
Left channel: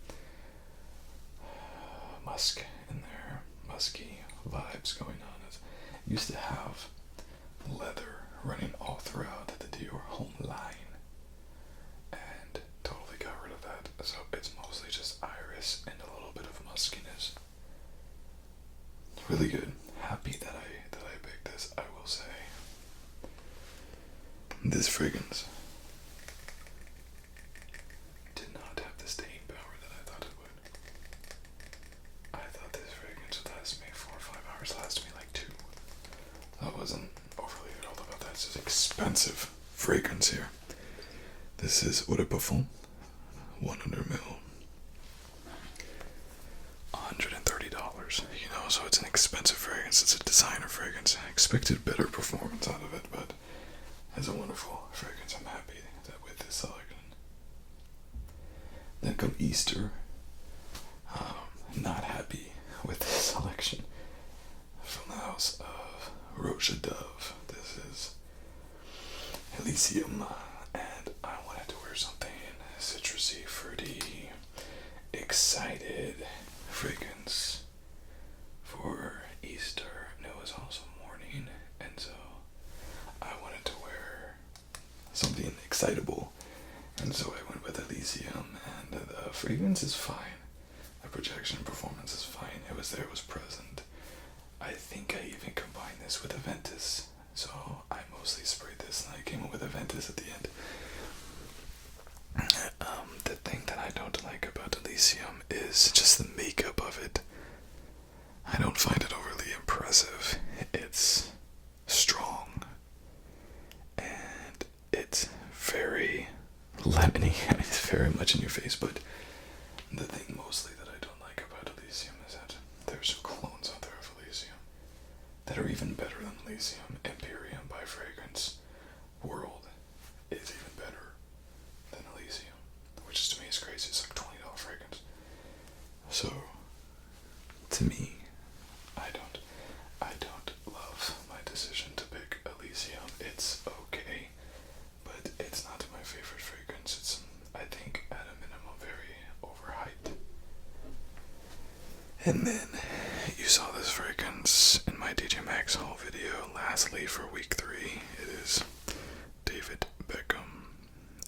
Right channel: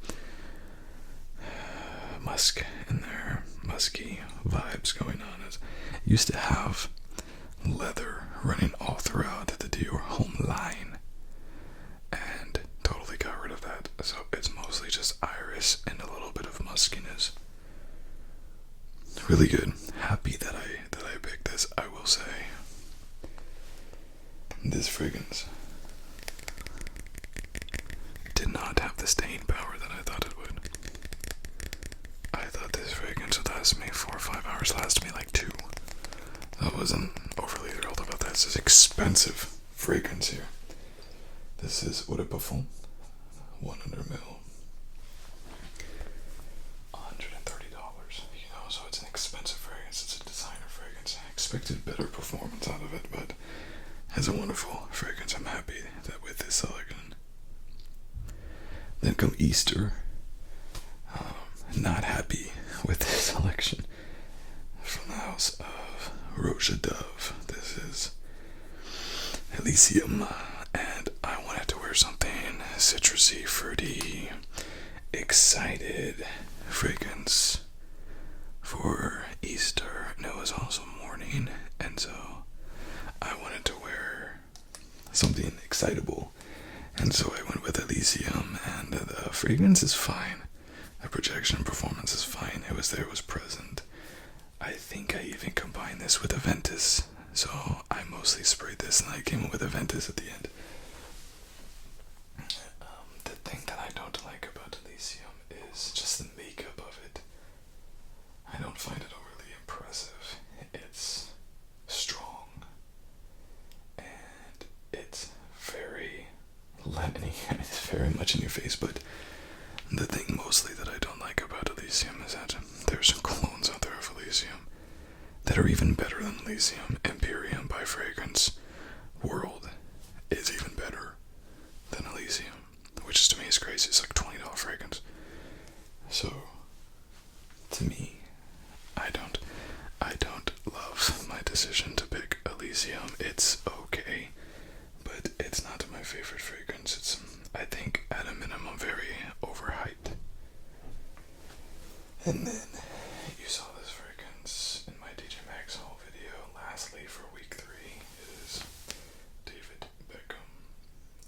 musk in there, musky vibes going on. It used to have leather running all throughout the Dior Home line, and totally got rid of that. So it's mostly just iris and a little bit of muskiness. Really good. Happy that I picked this. I will say, this fragrance did not have the staying power that I thought it would. I thought this fragrance would last me 4 or 5 hours, lasted me like 2. I wasn't overly thrilled about that. This is expensive fragrance here. This is Eau de Parfum, 100 ml, $130. So it's an expensive fragrance. It's a designer fragrance. I expected better performance out of it, but it's a wonderful fragrance. I'm happy that with this selection. Then come Easter. Not happy with this selection. From the house of Roja Dove. This is Elysium, and I wanted to wear something citrusy, fruity, excited fragrance for Easter, and it was also morning, and so I wanted to wear something excitable, and so I went with Elysium, and the fragrance is fine. The projection performance is fine. It was there, it was present. I think I even combined this with Aventus, so I mostly sprayed this and I came up with Aventus at the end. The thing that I don't like about Elysium is just the makeup of it. I don't find it overly impressive. It's strong and it's very lemony. It's very much in your face, but the thing mostly that I don't like about Elysium is that there's clones out there of Elysium that are even better than Elysium. Empyrean by Fragrance World is even better than Elysium, which is, to me, is crazy. It's like $20 fragrance. So, to me, I don't love my decision to pick Elysium. It's okay, but it's not my favorite fragrance. It's, I think, at a minimum, very overhyped. And then you saw this fragrance in my DJ Maxx haul video. Lastly, for week 3, it is David Beckham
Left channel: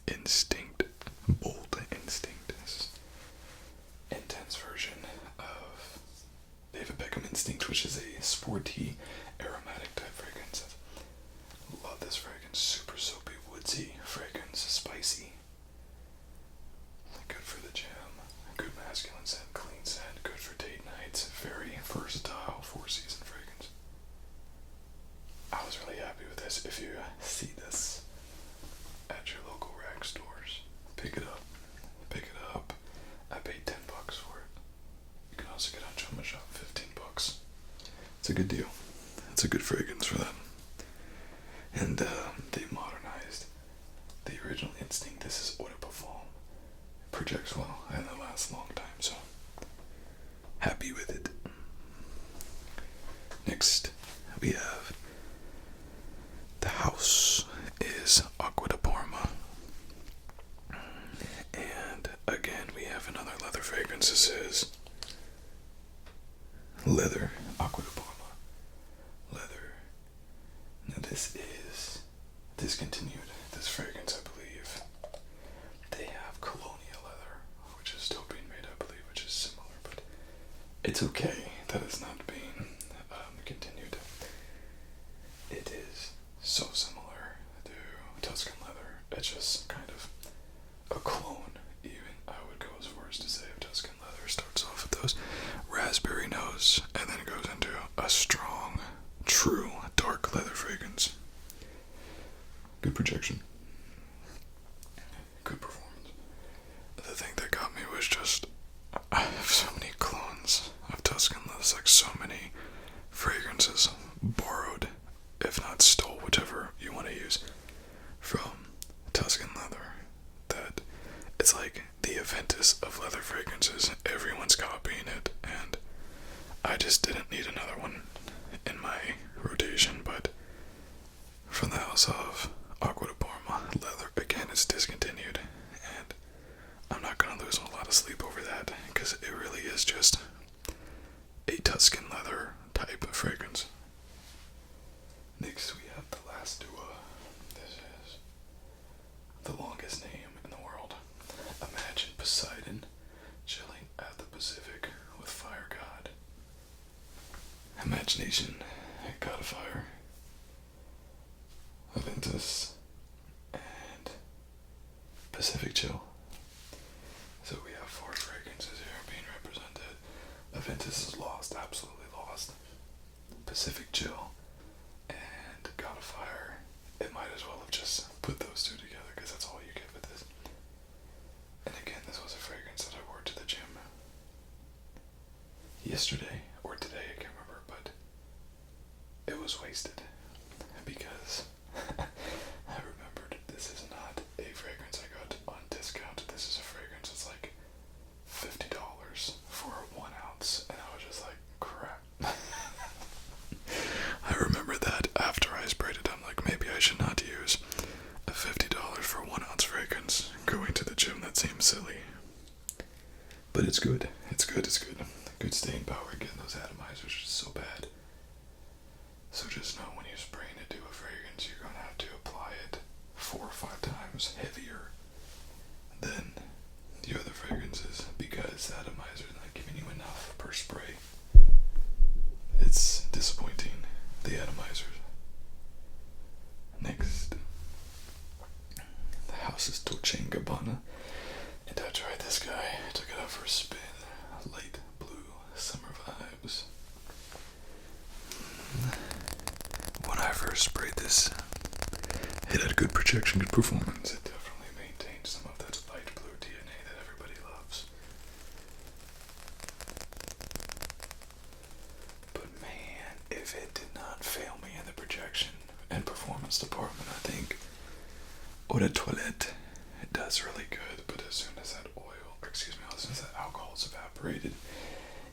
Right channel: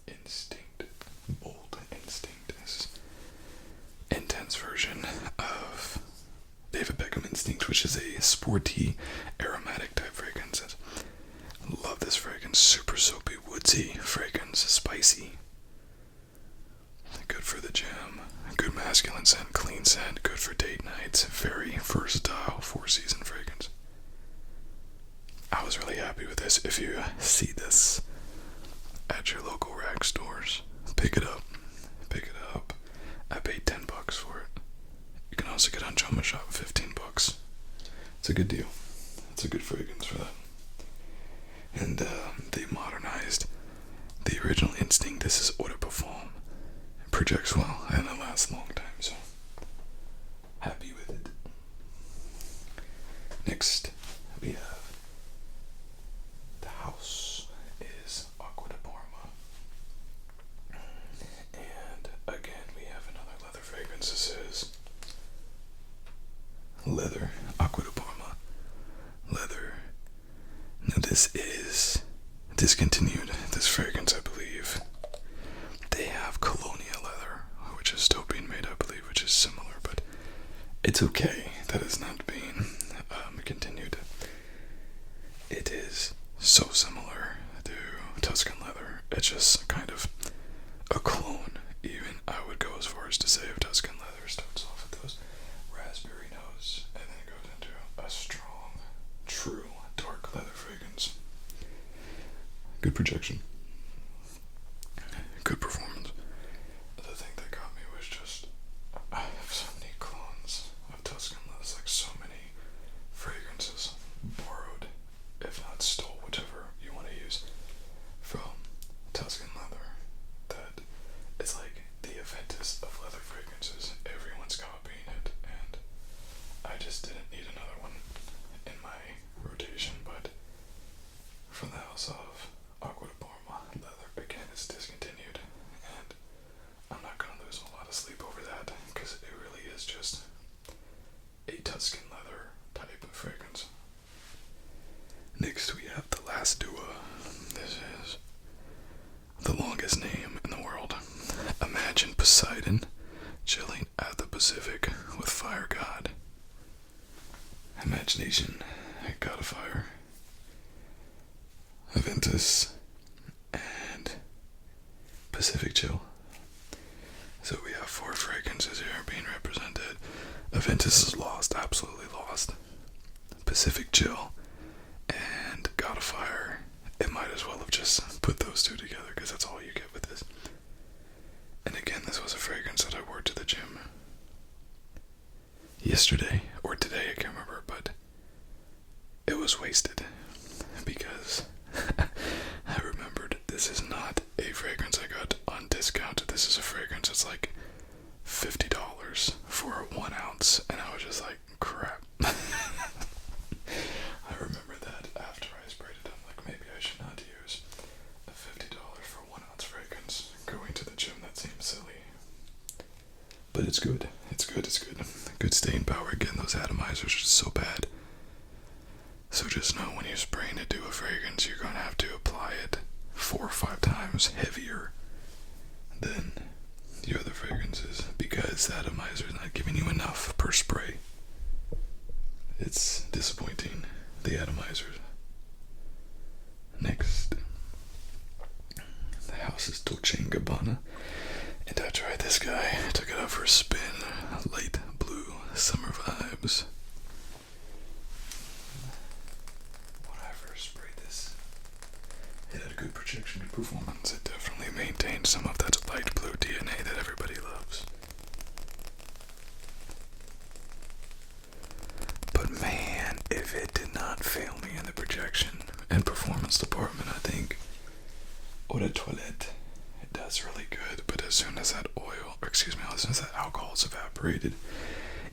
Instinct, Bold Instinct. This intense version of David Beckham Instinct, which is a sporty, aromatic type fragrance. I love this fragrance. Super soapy, woodsy fragrance, spicy. Good for the gym. Good masculine scent, clean scent, good for date nights. Very versatile 4-season fragrance. I was really happy with this. If you see this at your local rack stores, pick it up. Pick it up. I paid $10 for it. You can also get on Joma Shop $15. It's a good deal. It's a good fragrance for that. And they modernized the original Instinct. This is Eau de Parfum. It projects well and it lasts a long time, so happy with it. Next, we have the house is Acqua de Parma. And again, we have another leather fragrance. This is leather, Acqua de Parma, leather. Now this is discontinued, this fragrance, I believe. They have Colonia leather, which is still being made, I believe, which is similar, but it's okay that it's not being continued. It is so similar to Tuscan leather. It's just kind of a clone, even. I would go as far as to say if Tuscan leather starts off with those raspberry notes and then goes into a strong, true, dark leather fragrance. Good projection. Good performance. The thing that got me was just, I have so many clones of Tuscan leather. There's like so many fragrances borrowed, if not stole, whichever you want to use, from Tuscan leather, that it's like the Aventus of leather fragrances. Everyone's copying it, and I just didn't need another one in my rotation. But from the house of Acqua de Parma leather, again, it's discontinued, and I'm not gonna lose a lot of sleep over that, because it really is just a Tuscan leather type of fragrance. Next, we have the last DUA. This is the longest name in the world. Imagine Poseidon chilling at the Pacific with Fire God. Imagination, God of Fire, Aventus, and Pacific Chill. So we have 4 fragrances here being represented. Aventus is lost, absolutely lost. Pacific Chill and God of Fire, it might as well have just put those two together, because that's all you get with this. And again, this was a fragrance that I wore to the gym yesterday, or today, I can't remember, but it was wasted, because I remembered this is not a fragrance I got on discount. This is a fragrance that's like $50 for 1 ounce, and I was just like, crap. I remember that after I sprayed it, I'm like, maybe I should not use a $50 for 1 ounce fragrance going to the gym. That seems I'm silly. But it's good. It's good. Good staying power. Again, those atomizers are just so bad. So just know when you spray into a fragrance, you're going to have to apply it 4 or 5 times heavier than the other fragrances because the atomizer is not giving you enough per spray. It's disappointing, the atomizers. Next, the house is Dolce & Gabbana, and I tried this guy. I took it out for a spin. Light blue, summer vibes. When I first sprayed this, it had good projection, good performance. It definitely maintained some of that light blue DNA that everybody loves. But man, if it did not fail me in the projection and performance department, I think Eau de Toilette, it does really good, but as soon as that as soon as that alcohol is evaporated,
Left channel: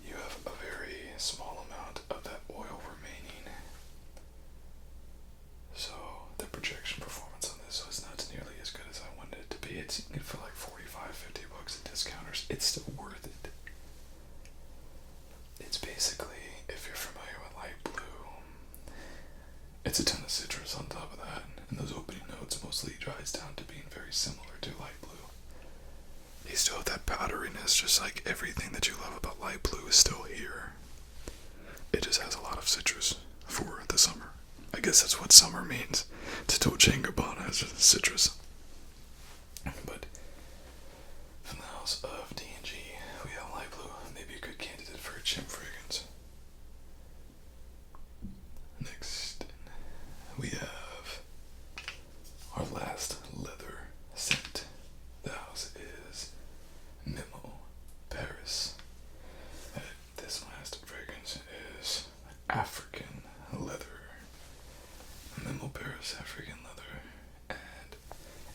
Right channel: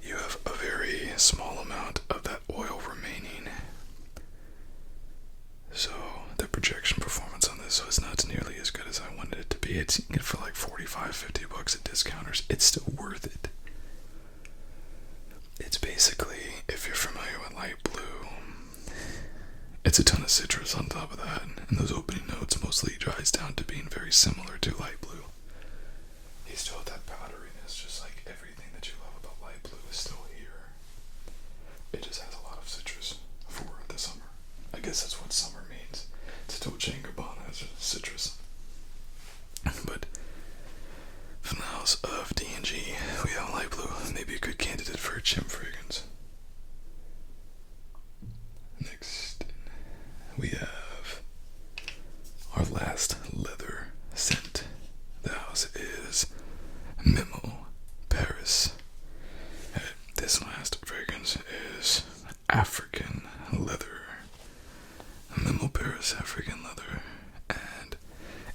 you have a very small amount of that oil remaining. So the projection performance on this was not nearly as good as I wanted it to be. It's good for like $45-50 at discounters. It's still worth it. It's basically, if you're familiar with light blue, it's a ton of citrus on top of that, and those opening notes mostly dries down to being very similar to light blue. They still have that powderiness, just like everything that you love about light blue is still here. It just has a lot of citrus for the summer. I guess that's what summer means. To Dolce & Gabbana is citrus. But from the house of D&G, we have light blue, maybe a good candidate for a chimp fragrance. Next, we have our last leather scent. The house is Memo, Paris. This last fragrance is African leather. Memo Paris African leather, and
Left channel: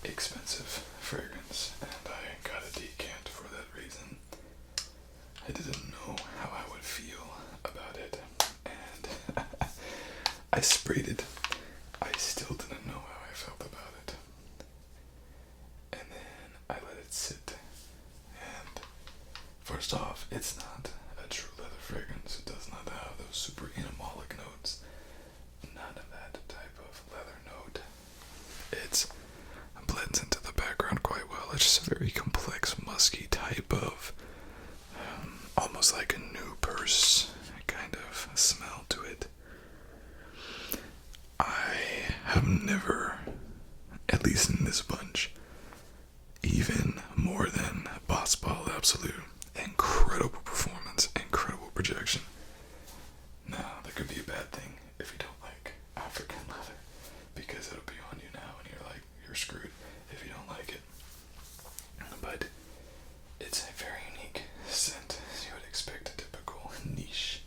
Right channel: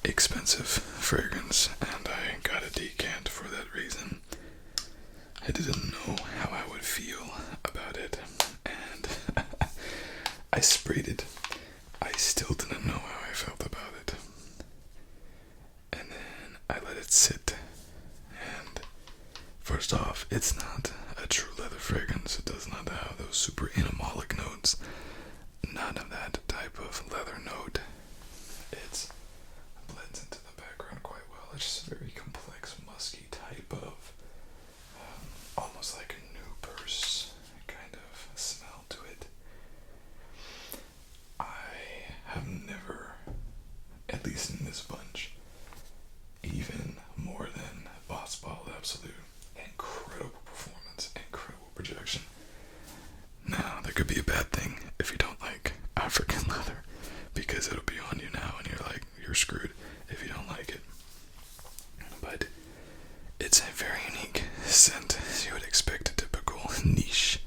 expensive fragrance, and I got a decant for that reason. I didn't know how I would feel about it, and I sprayed it. I still didn't know how I felt about it. And then I let it sit, and first off, it's not a true leather fragrance. It does not have those super animalic notes. None of that type of leather note. It blends into the background quite well. It's just a very complex, musky type of, almost like a new purse kind of smell to it. I have never, at least in this bunch, even more than Boss Ball Absolute, incredible performance, incredible projection. Now, there could be a bad thing if you don't like African leather, because it'll be on you now and you're screwed if you don't like it. But it's a very unique scent. You would expect a typical niche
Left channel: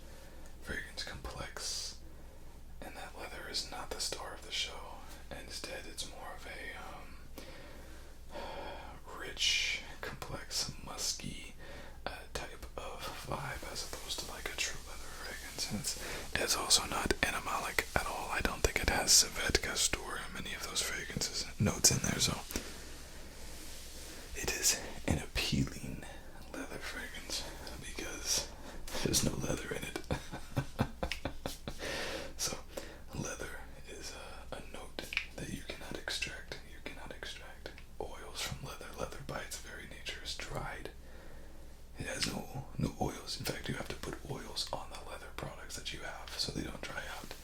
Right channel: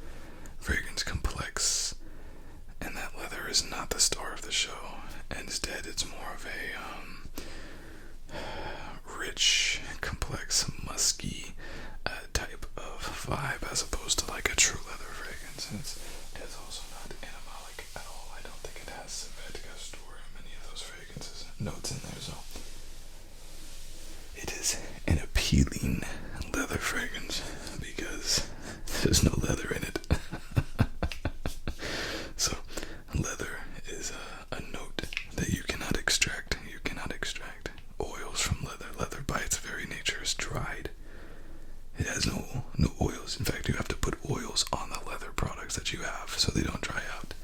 fragrance complex, and that leather is not the star of the show. Instead, it's more of a rich, complex, musky type of vibe as opposed to like a true leather fragrance. It's also not animalic at all. I don't think it has civet, castor, and many of those fragrances notes in there, so it is an appealing leather fragrance because there's no leather in it. So leather is a note that you cannot extract. You cannot extract oils from leather. Leather by its very nature is dried. It has no oils. In fact, you have to put oils on the leather products that you have so they don't dry out.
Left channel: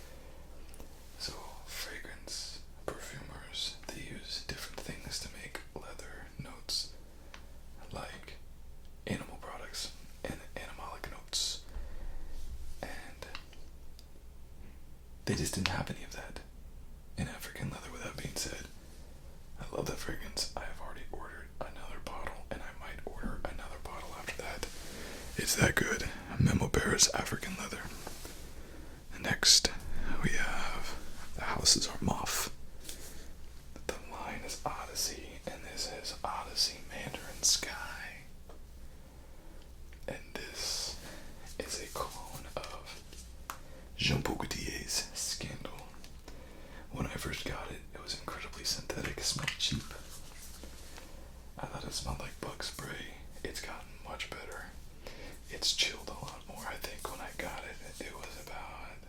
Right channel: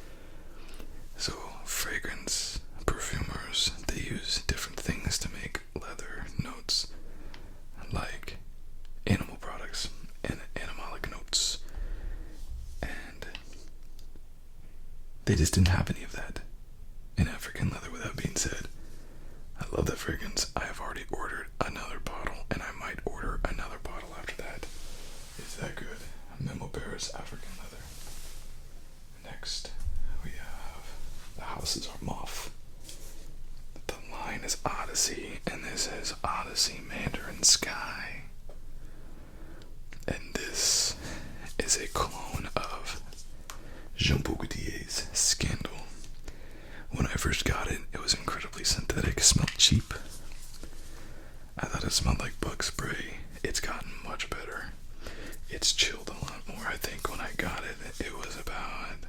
So fragrance perfumers, they use different things to make leather notes, like animal products and animalic notes, and they just didn't have any of that in African leather. With that being said, I love that fragrance. I have already ordered another bottle, and I might order another bottle after that. It's that good. Memo Paris African leather. Next, we have the house is Armaf. The line is Odyssey, and this is Odyssey Mandarin Sky. And this is a clone of Jean Paul Gaultier's Scandal. When I first got it, it was incredibly synthetic. It smelled cheap. I thought it smelled like books, it's gotten much better. It's chilled a lot more. I think when I got it, it was about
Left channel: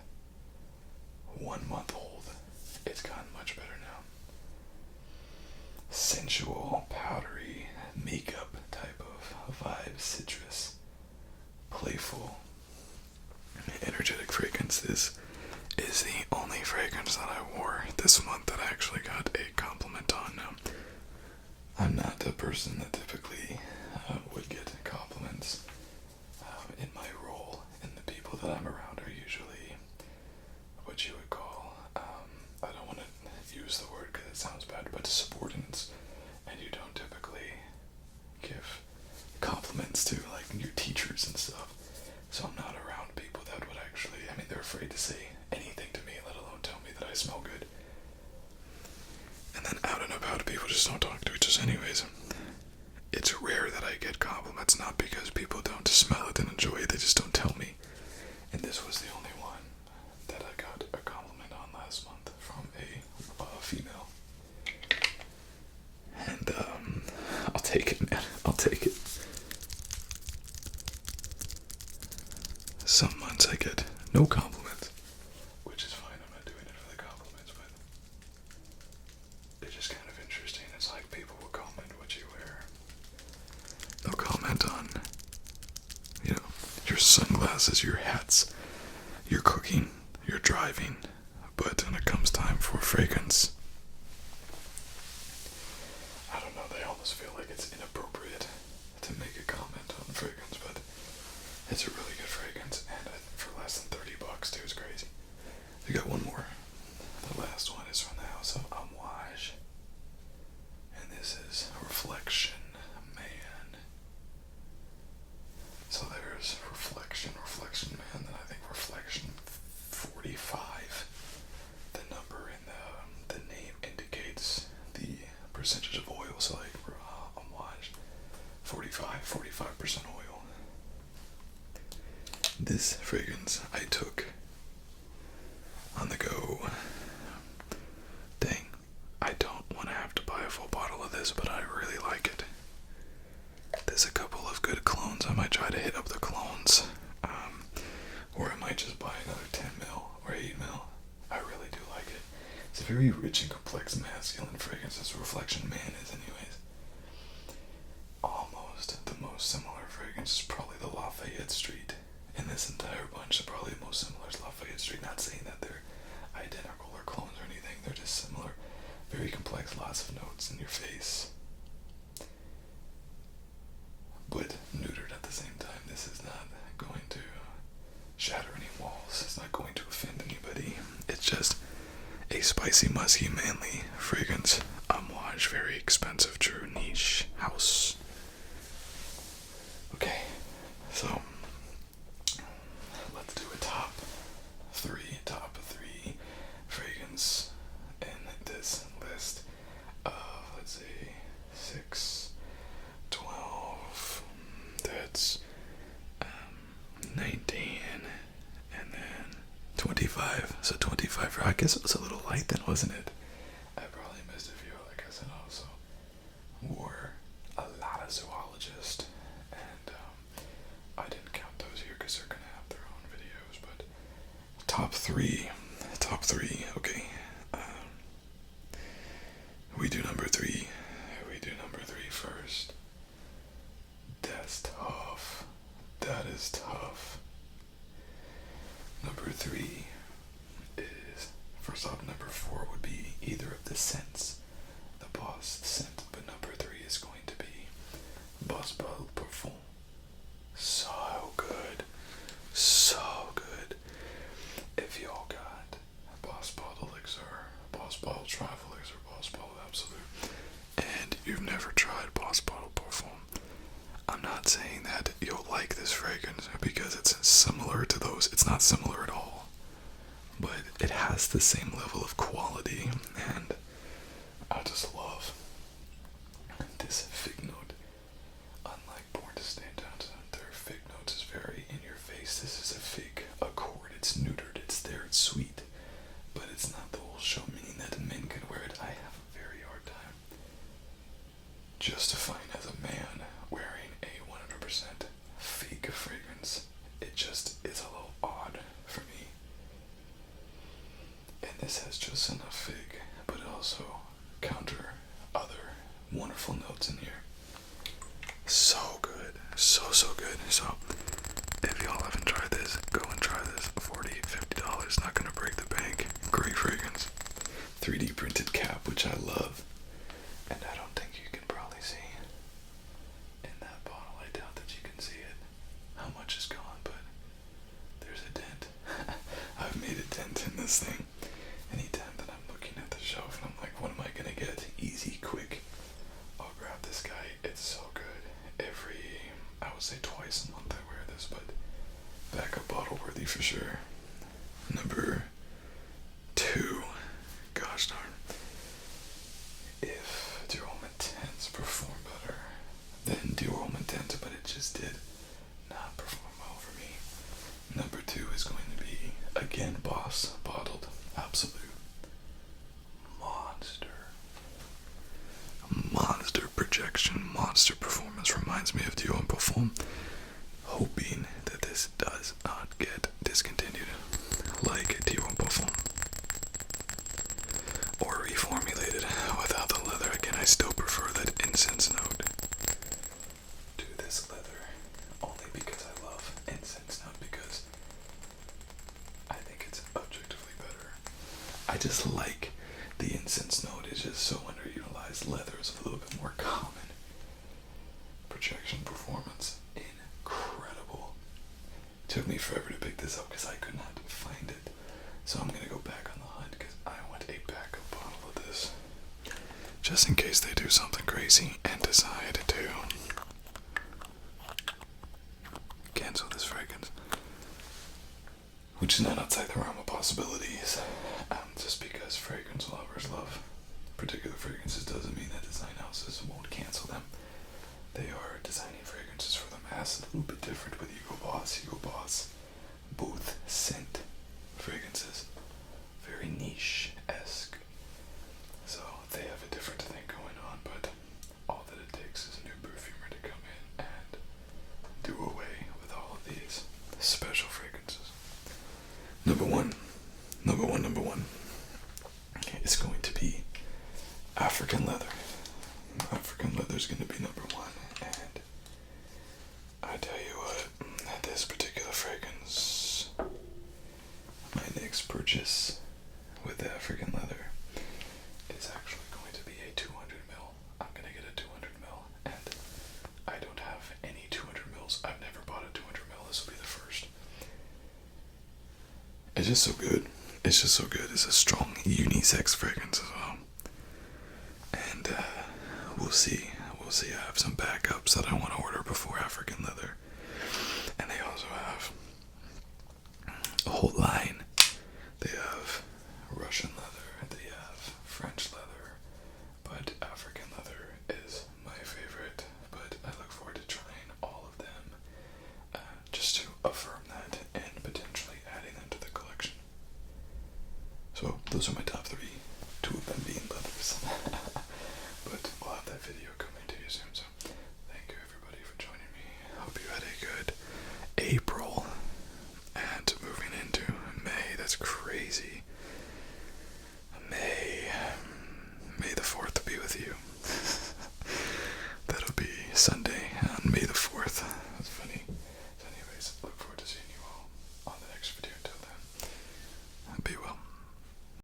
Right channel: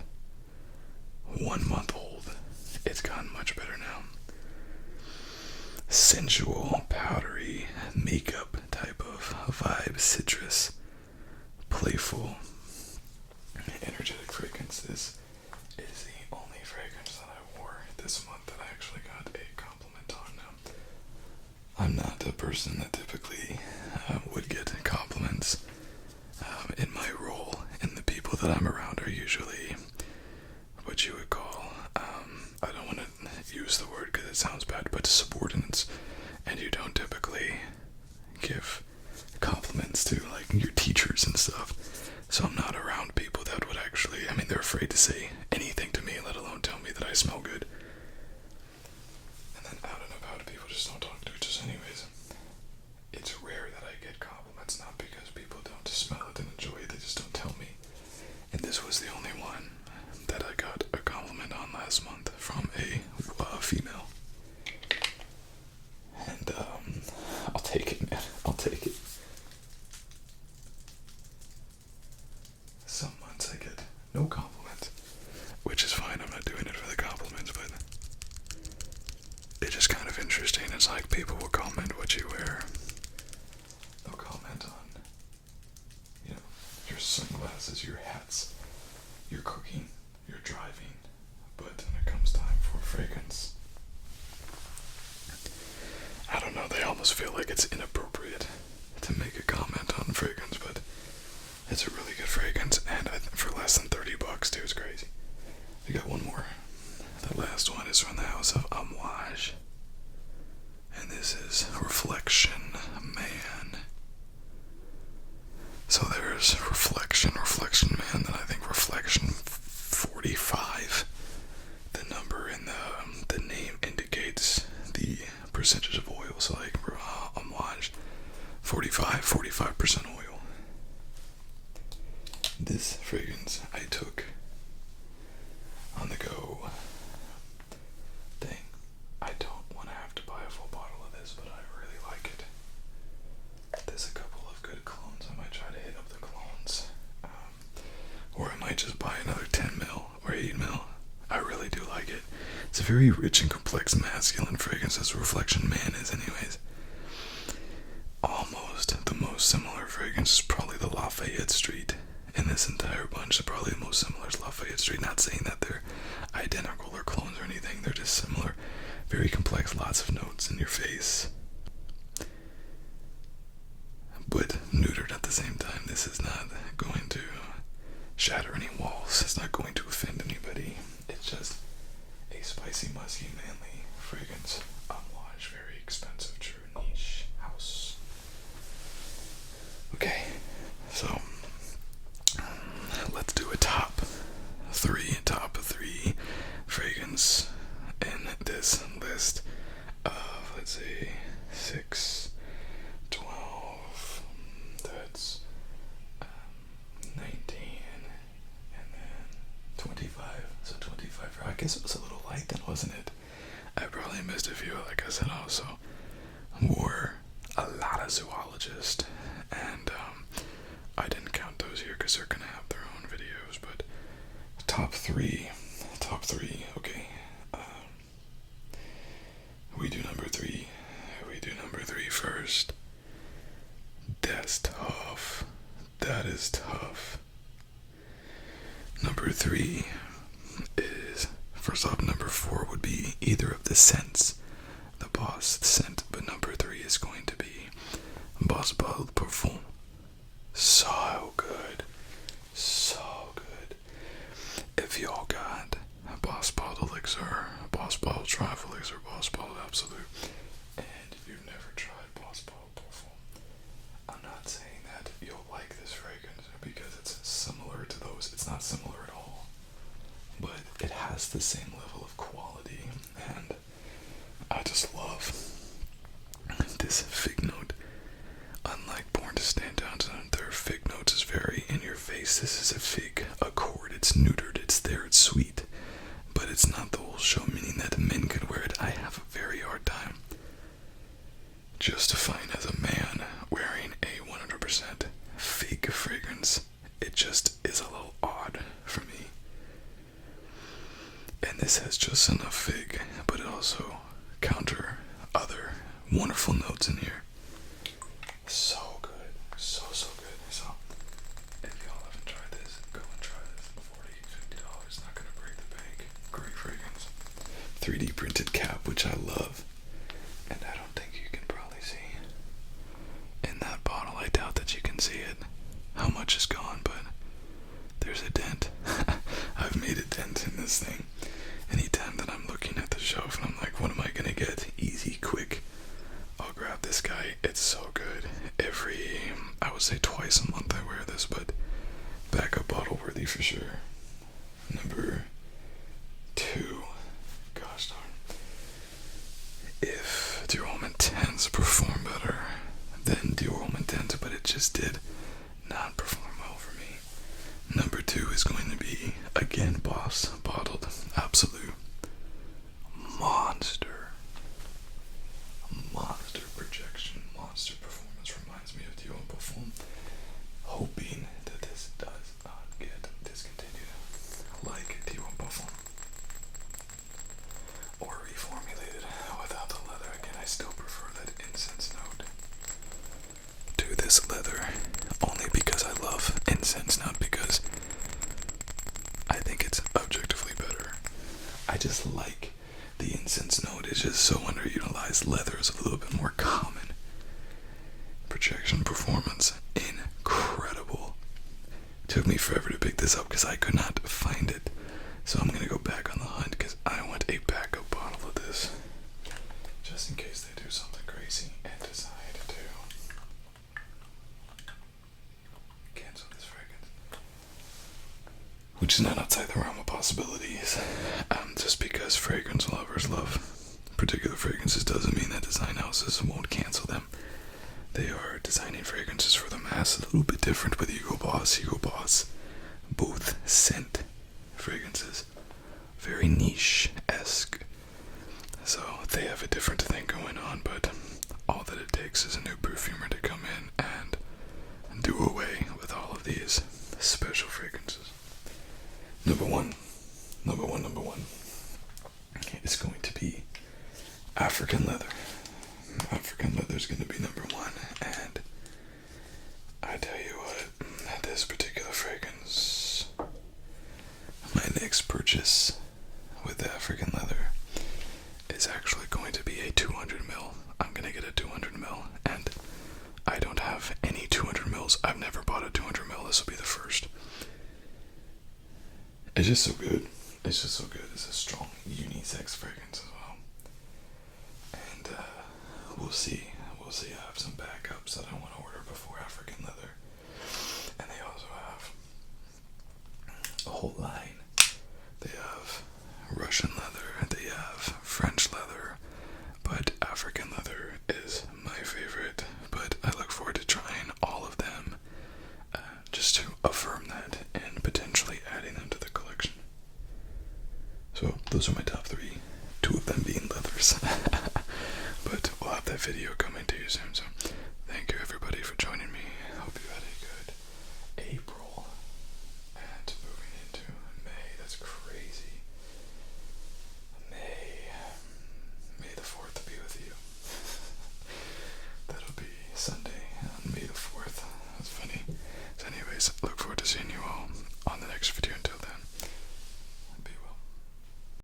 1 month old. It's gotten much better now. Sensual, powdery, makeup type of vibe, citrus, playful, energetic fragrance. This is the only fragrance that I wore this month that I actually got a compliment on. Now, I'm not a person that typically would get compliments in my role, and the people that I'm around are usually what you would call, I don't want to use the word because it sounds bad, but subordinates, and you don't typically give compliments to like your teachers and stuff. So I'm not around people that would actually, I mean, they're afraid to say anything to me, let alone tell me that I smell good. And then out and about, people just don't talk to each other anyways. It's rare that I get compliments, not because people don't smell it and enjoy it, they just don't tell me. And this was the only one that I got a compliment on last month from a female. And I'll take it, man. I'll take it. Some months I get no compliments, which is fine. I'm not doing it for the compliments, but it's just kind of interesting. It's like people will comment what you wear. They'll comment on, you know, your sunglasses, your hats, your cooking, your driving. But when it comes time for fragrance, I don't know, they almost feel like it's inappropriate to make a comment on fragrance, but it's a really good fragrance, and I think for less than $30 too, it's crazy. I got one more. The last one is from the house of Amouage, and this is Reflection Man. So there's Reflection Man, then I think Reflection 45. The number in the name indicates the percentage of oil, so like Amouage 45% oil. This fragrance I took on the go. Dang, I don't want to have to buy a full bottle of this, but I really like it. There's a couple of good clones. I might try to hit up the clones, or I might just buy another 10 mil or 8 mil. I really do like it. It's a very rich and complex masculine fragrance, as Reflection Man is anyways. Almost the most similar fragrance is probably the Lafayette Street. In this entire bunch, probably the most similar is Lafayette Street. Not saying that they're identical or clones or anything, they're just similar. Very complex, lots of notes in your face, but neutered at the same time. This is not going to shatter any walls. It's not going to offend anybody. It's just a spicy, musky, manly fragrance. Amouage, very expensive, true niche house. Okay, so let's do a top three fragrance in this list of, let's see, 6, 12, that's 19, and then 25. So 25, I guess it was a little light then, wasn't it? I probably missed a few. Like I said, I also wore a lot of zoologists, and I didn't count those here because they're gonna have their own videos. But top three, okay. We do number three first. That's tough. That is tough. Number 3 is, first off, number 4 would be either of the scents, the Boss scent, but number 3 is going to be Boss Bottled Perfume. So good. If y'all got Boss Bottled Elixir, Boss Bottled Travel Elixir, Boss Bottled Absolute, and you've never tried Boss Bottled Perfume, I'm not saying that you'll like this fragrance because it's similar to those. It's not similar at all, but it has the same level of quality, and I just love this fig note. Unlike Born to Stand Out, their fig notes is very in your face. This is a fig accord. It's neutered. It's there. It's sweet, but it's not the whole show, meaning that men could wear it. I have a very hard time justifying as a man wearing a 100% just enough fig, but it also counter other wonderful notes in here. So good. So good. So if y'all haven't tried this, go and try this. $40, $50, not gonna break the bank. Great fragrance. 3D printed cap, which I love. And I don't think you can probably see in that bottle. I doubt that you can see it. How much is gone, but there's a dent. I've made a dent in this thing. Anytime that I'm looking at the shelf and I'm like, what am I gonna get? Easy, quick. I'll grab this guy. It's so good. I would say twice a month I wear this, but backup bottle worthy for sure. Number 2. Gosh darn. If Duo Intense performed better than Duo Intense, but it just did not perform well for me. Number 2 is going to be, again, Boss bottled. Absolute monster projection, monster performance. Reminds me of Duo and Perform. Hoping that this does not get discontinued like Duo and Perform, or reformulated without the leather. Again, I still prefer that incense note to this leather, only because I love incense, not because I think it's objectively better. I just like the incense note. Is just so underutilized. Leather is a little bit more common. Projection performance, incredible. Took me forever to pick this up because I could not find it. So I'm gonna go back on the hunt because I want a backup bottle of this, just in case they do something crazy and decide to cancel this fragrance, which is not outside the realm of possibilities. Just because fragrance lovers love particular fragrances doesn't mean that design houses won't cancel them. They are designing fragrances for the mass, a little bit different with Hugo Boss, both scent fragrances, very niche-esque. So they have a different thing going on, but all that it takes is a new perfumer to come in and do away with all of these special fragrances. Number one. It's going to be African leather. African leather is going to be number 1, and I tell you what, this particular fragrance, my next purchase with African leather, is actually going to be a 200ml. I'm going to get a 200ml, and I don't have any 200mls. I've never bought a 200ml. This will be the first. It's just so good. It's a strong unisex fragrance as well. And we'll see. I have some backups that I want to order before African leather. And they also have a whole line. They have Russian leather, they have French leather, but African leather is my favorite. But I look forward to trying all of them, just to affirm that and potentially adding them to the collection. So those are my top 3, 2 of them being leathers. But we'll have that video coming to you soon, so thank you everybody for joining me. Hope you had a good April, and moving into May. That's crazy. May the 4th be with you. That'll be Sunday on May the 4th. That's funny. So anyways, look